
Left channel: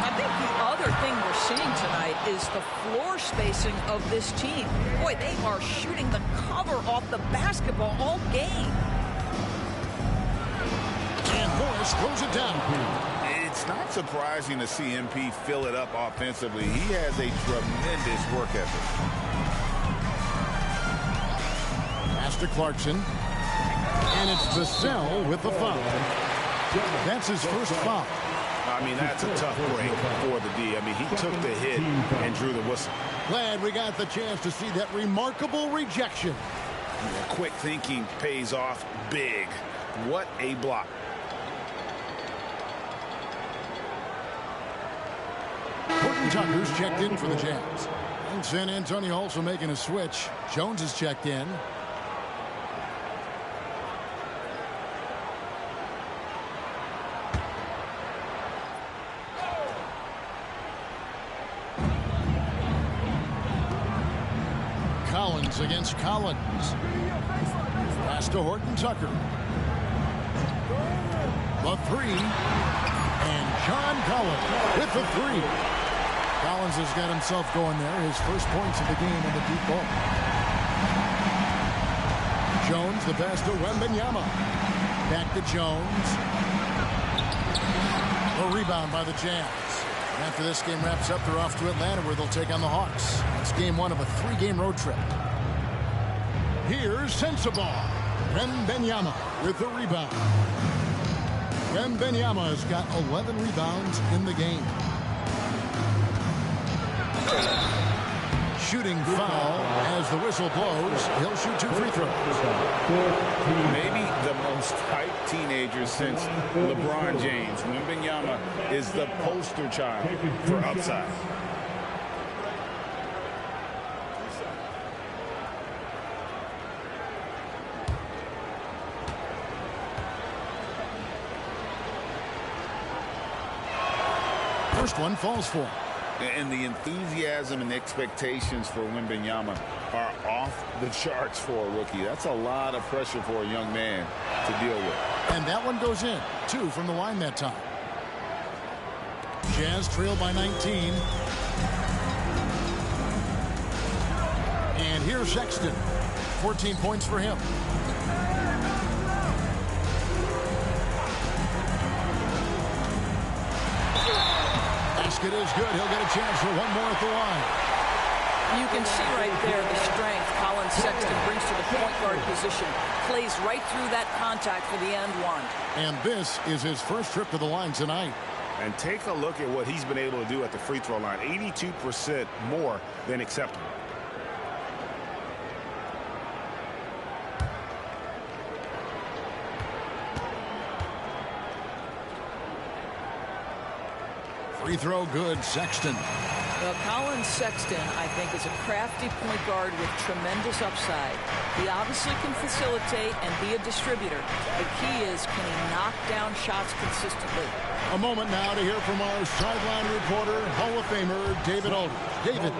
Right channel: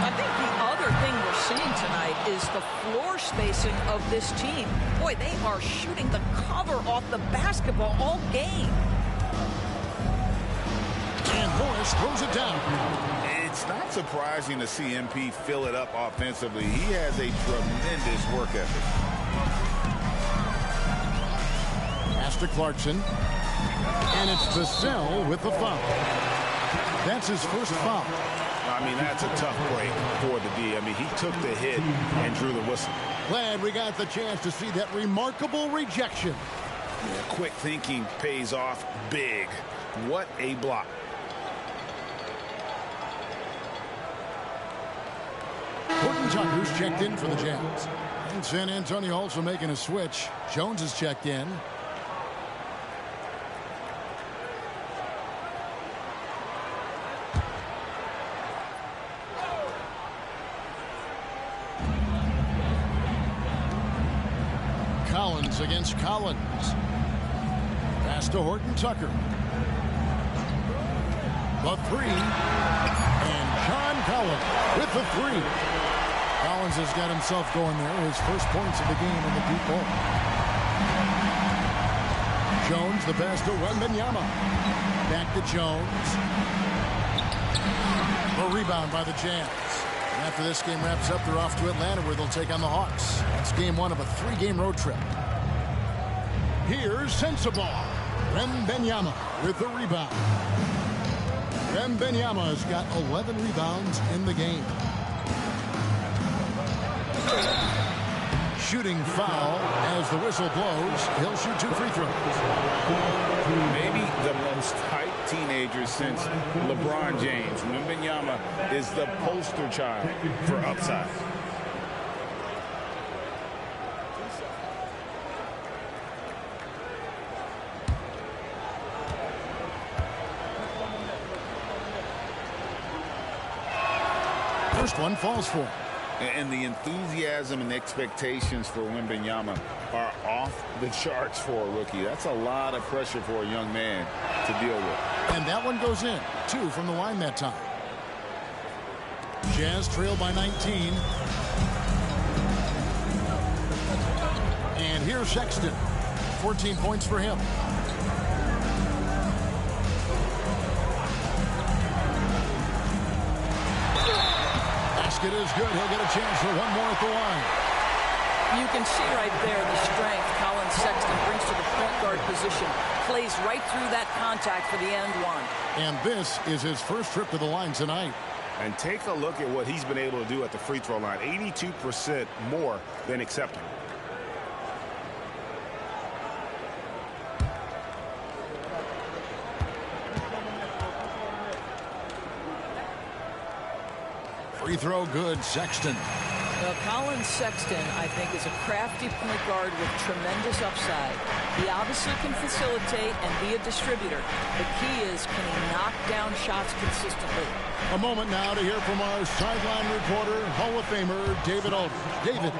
I think the other thing we're seeing tonight is the floor spacing of this team. Boy, they are shooting the cover off the basketball all game. And Morris throws it down. It's not surprising to see MP fill it up offensively. He has a tremendous work ethic. Pass to Clarkson. And it's Vassell with the foul. That's his first foul. I mean, that's a tough break for the D. I mean, he took the hit and drew the whistle. Glad we got the chance to see that remarkable rejection. Yeah, quick thinking pays off big. What a block. Horton Tucker's checked in for the Jazz. And San Antonio also making a switch. Jones is checked in. Collins against Collins. Pass to Horton Tucker. The 3. And John Collins with the 3. Collins has got himself going there. His first points of the game in the deep ball. Jones, the pass to Wembanyama. Back to Jones. The rebound by the Jazz. And after this game wraps up, they're off to Atlanta where they'll take on the Hawks. That's game 1 of a 3-game road trip. Here's Sensabaugh. Wembanyama with the rebound. Wembanyama has got 11 rebounds in the game. Shooting foul as the whistle blows. He'll shoot 2 free throws. Maybe the most hyped teenager since LeBron James. Wembanyama is the poster child for upside. First one falls for him. And the enthusiasm and expectations for Wembanyama are off the charts for a rookie. That's a lot of pressure for a young man to deal with. And that one goes in. 2 from the line that time. Jazz trail by 19. And here's Sexton. 14 points for him. Basket is good. He'll get a chance for one more at the line. You can see right there the strength Colin Sexton brings to the point guard position. Plays right through that contact for the end one. And this is his first trip to the line tonight. And take a look at what he's been able to do at the free throw line. 82% more than acceptable. Free throw good, Sexton. Well, Colin Sexton, I think, is a crafty point guard with tremendous upside. He obviously can facilitate and be a distributor. The key is, can he knock down shots consistently? A moment now to hear from our sideline reporter, Hall of Famer David Aldridge. David.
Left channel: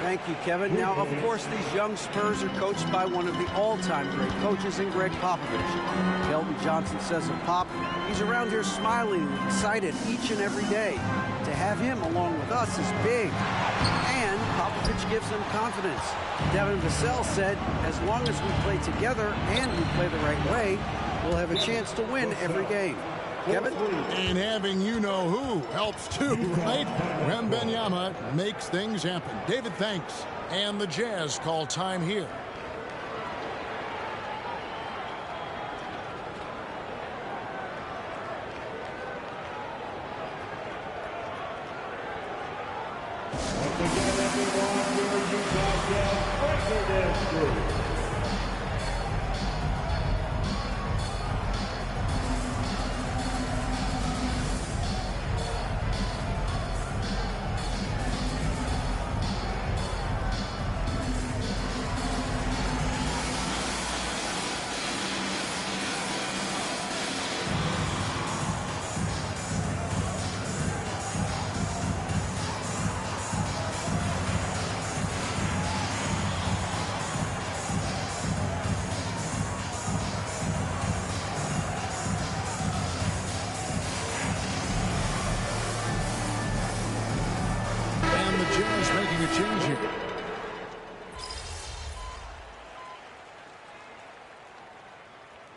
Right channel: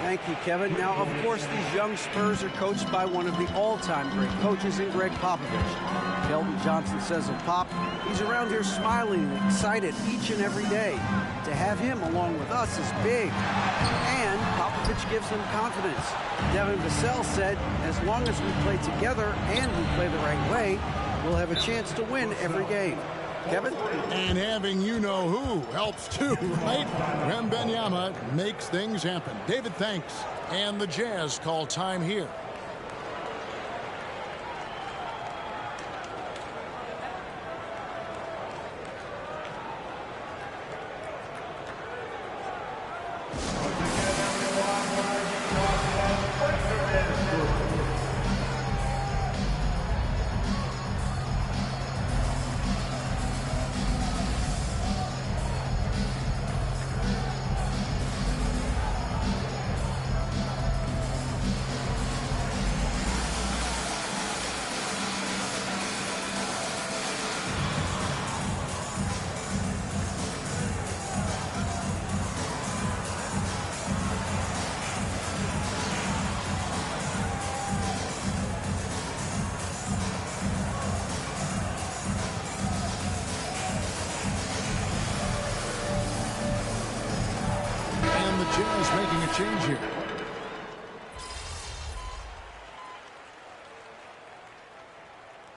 Thank you, Kevin. Now, of course, these young Spurs are coached by one of the all-time great coaches in Greg Popovich. Keldon Johnson says of Pop, he's around here smiling and excited each and every day. To have him along with us is big. And Popovich gives them confidence. Devin Vassell said, as long as we play together and we play the right way, we'll have a chance to win every game. Kevin? And having you-know-who helps too, right? Wembanyama makes things happen. David, thanks. And the Jazz call time here. Once again, everyone, for Utah Jazz, breaker dance group. The Jazz making a change here.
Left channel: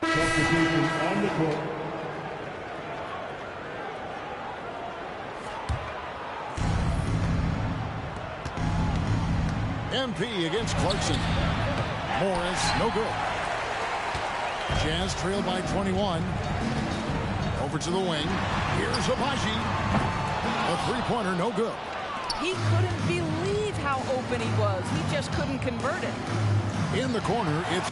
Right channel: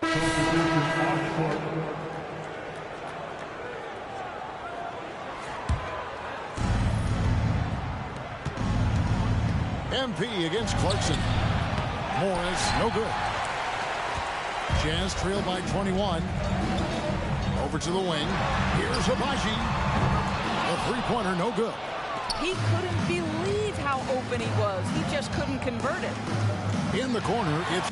Substitution on the court. MP against Clarkson. Morris, no good. Jazz trail by 21. Over to the wing. Here's Abaji. A three-pointer, no good. He couldn't believe how open he was. He just couldn't convert it. In the corner, it's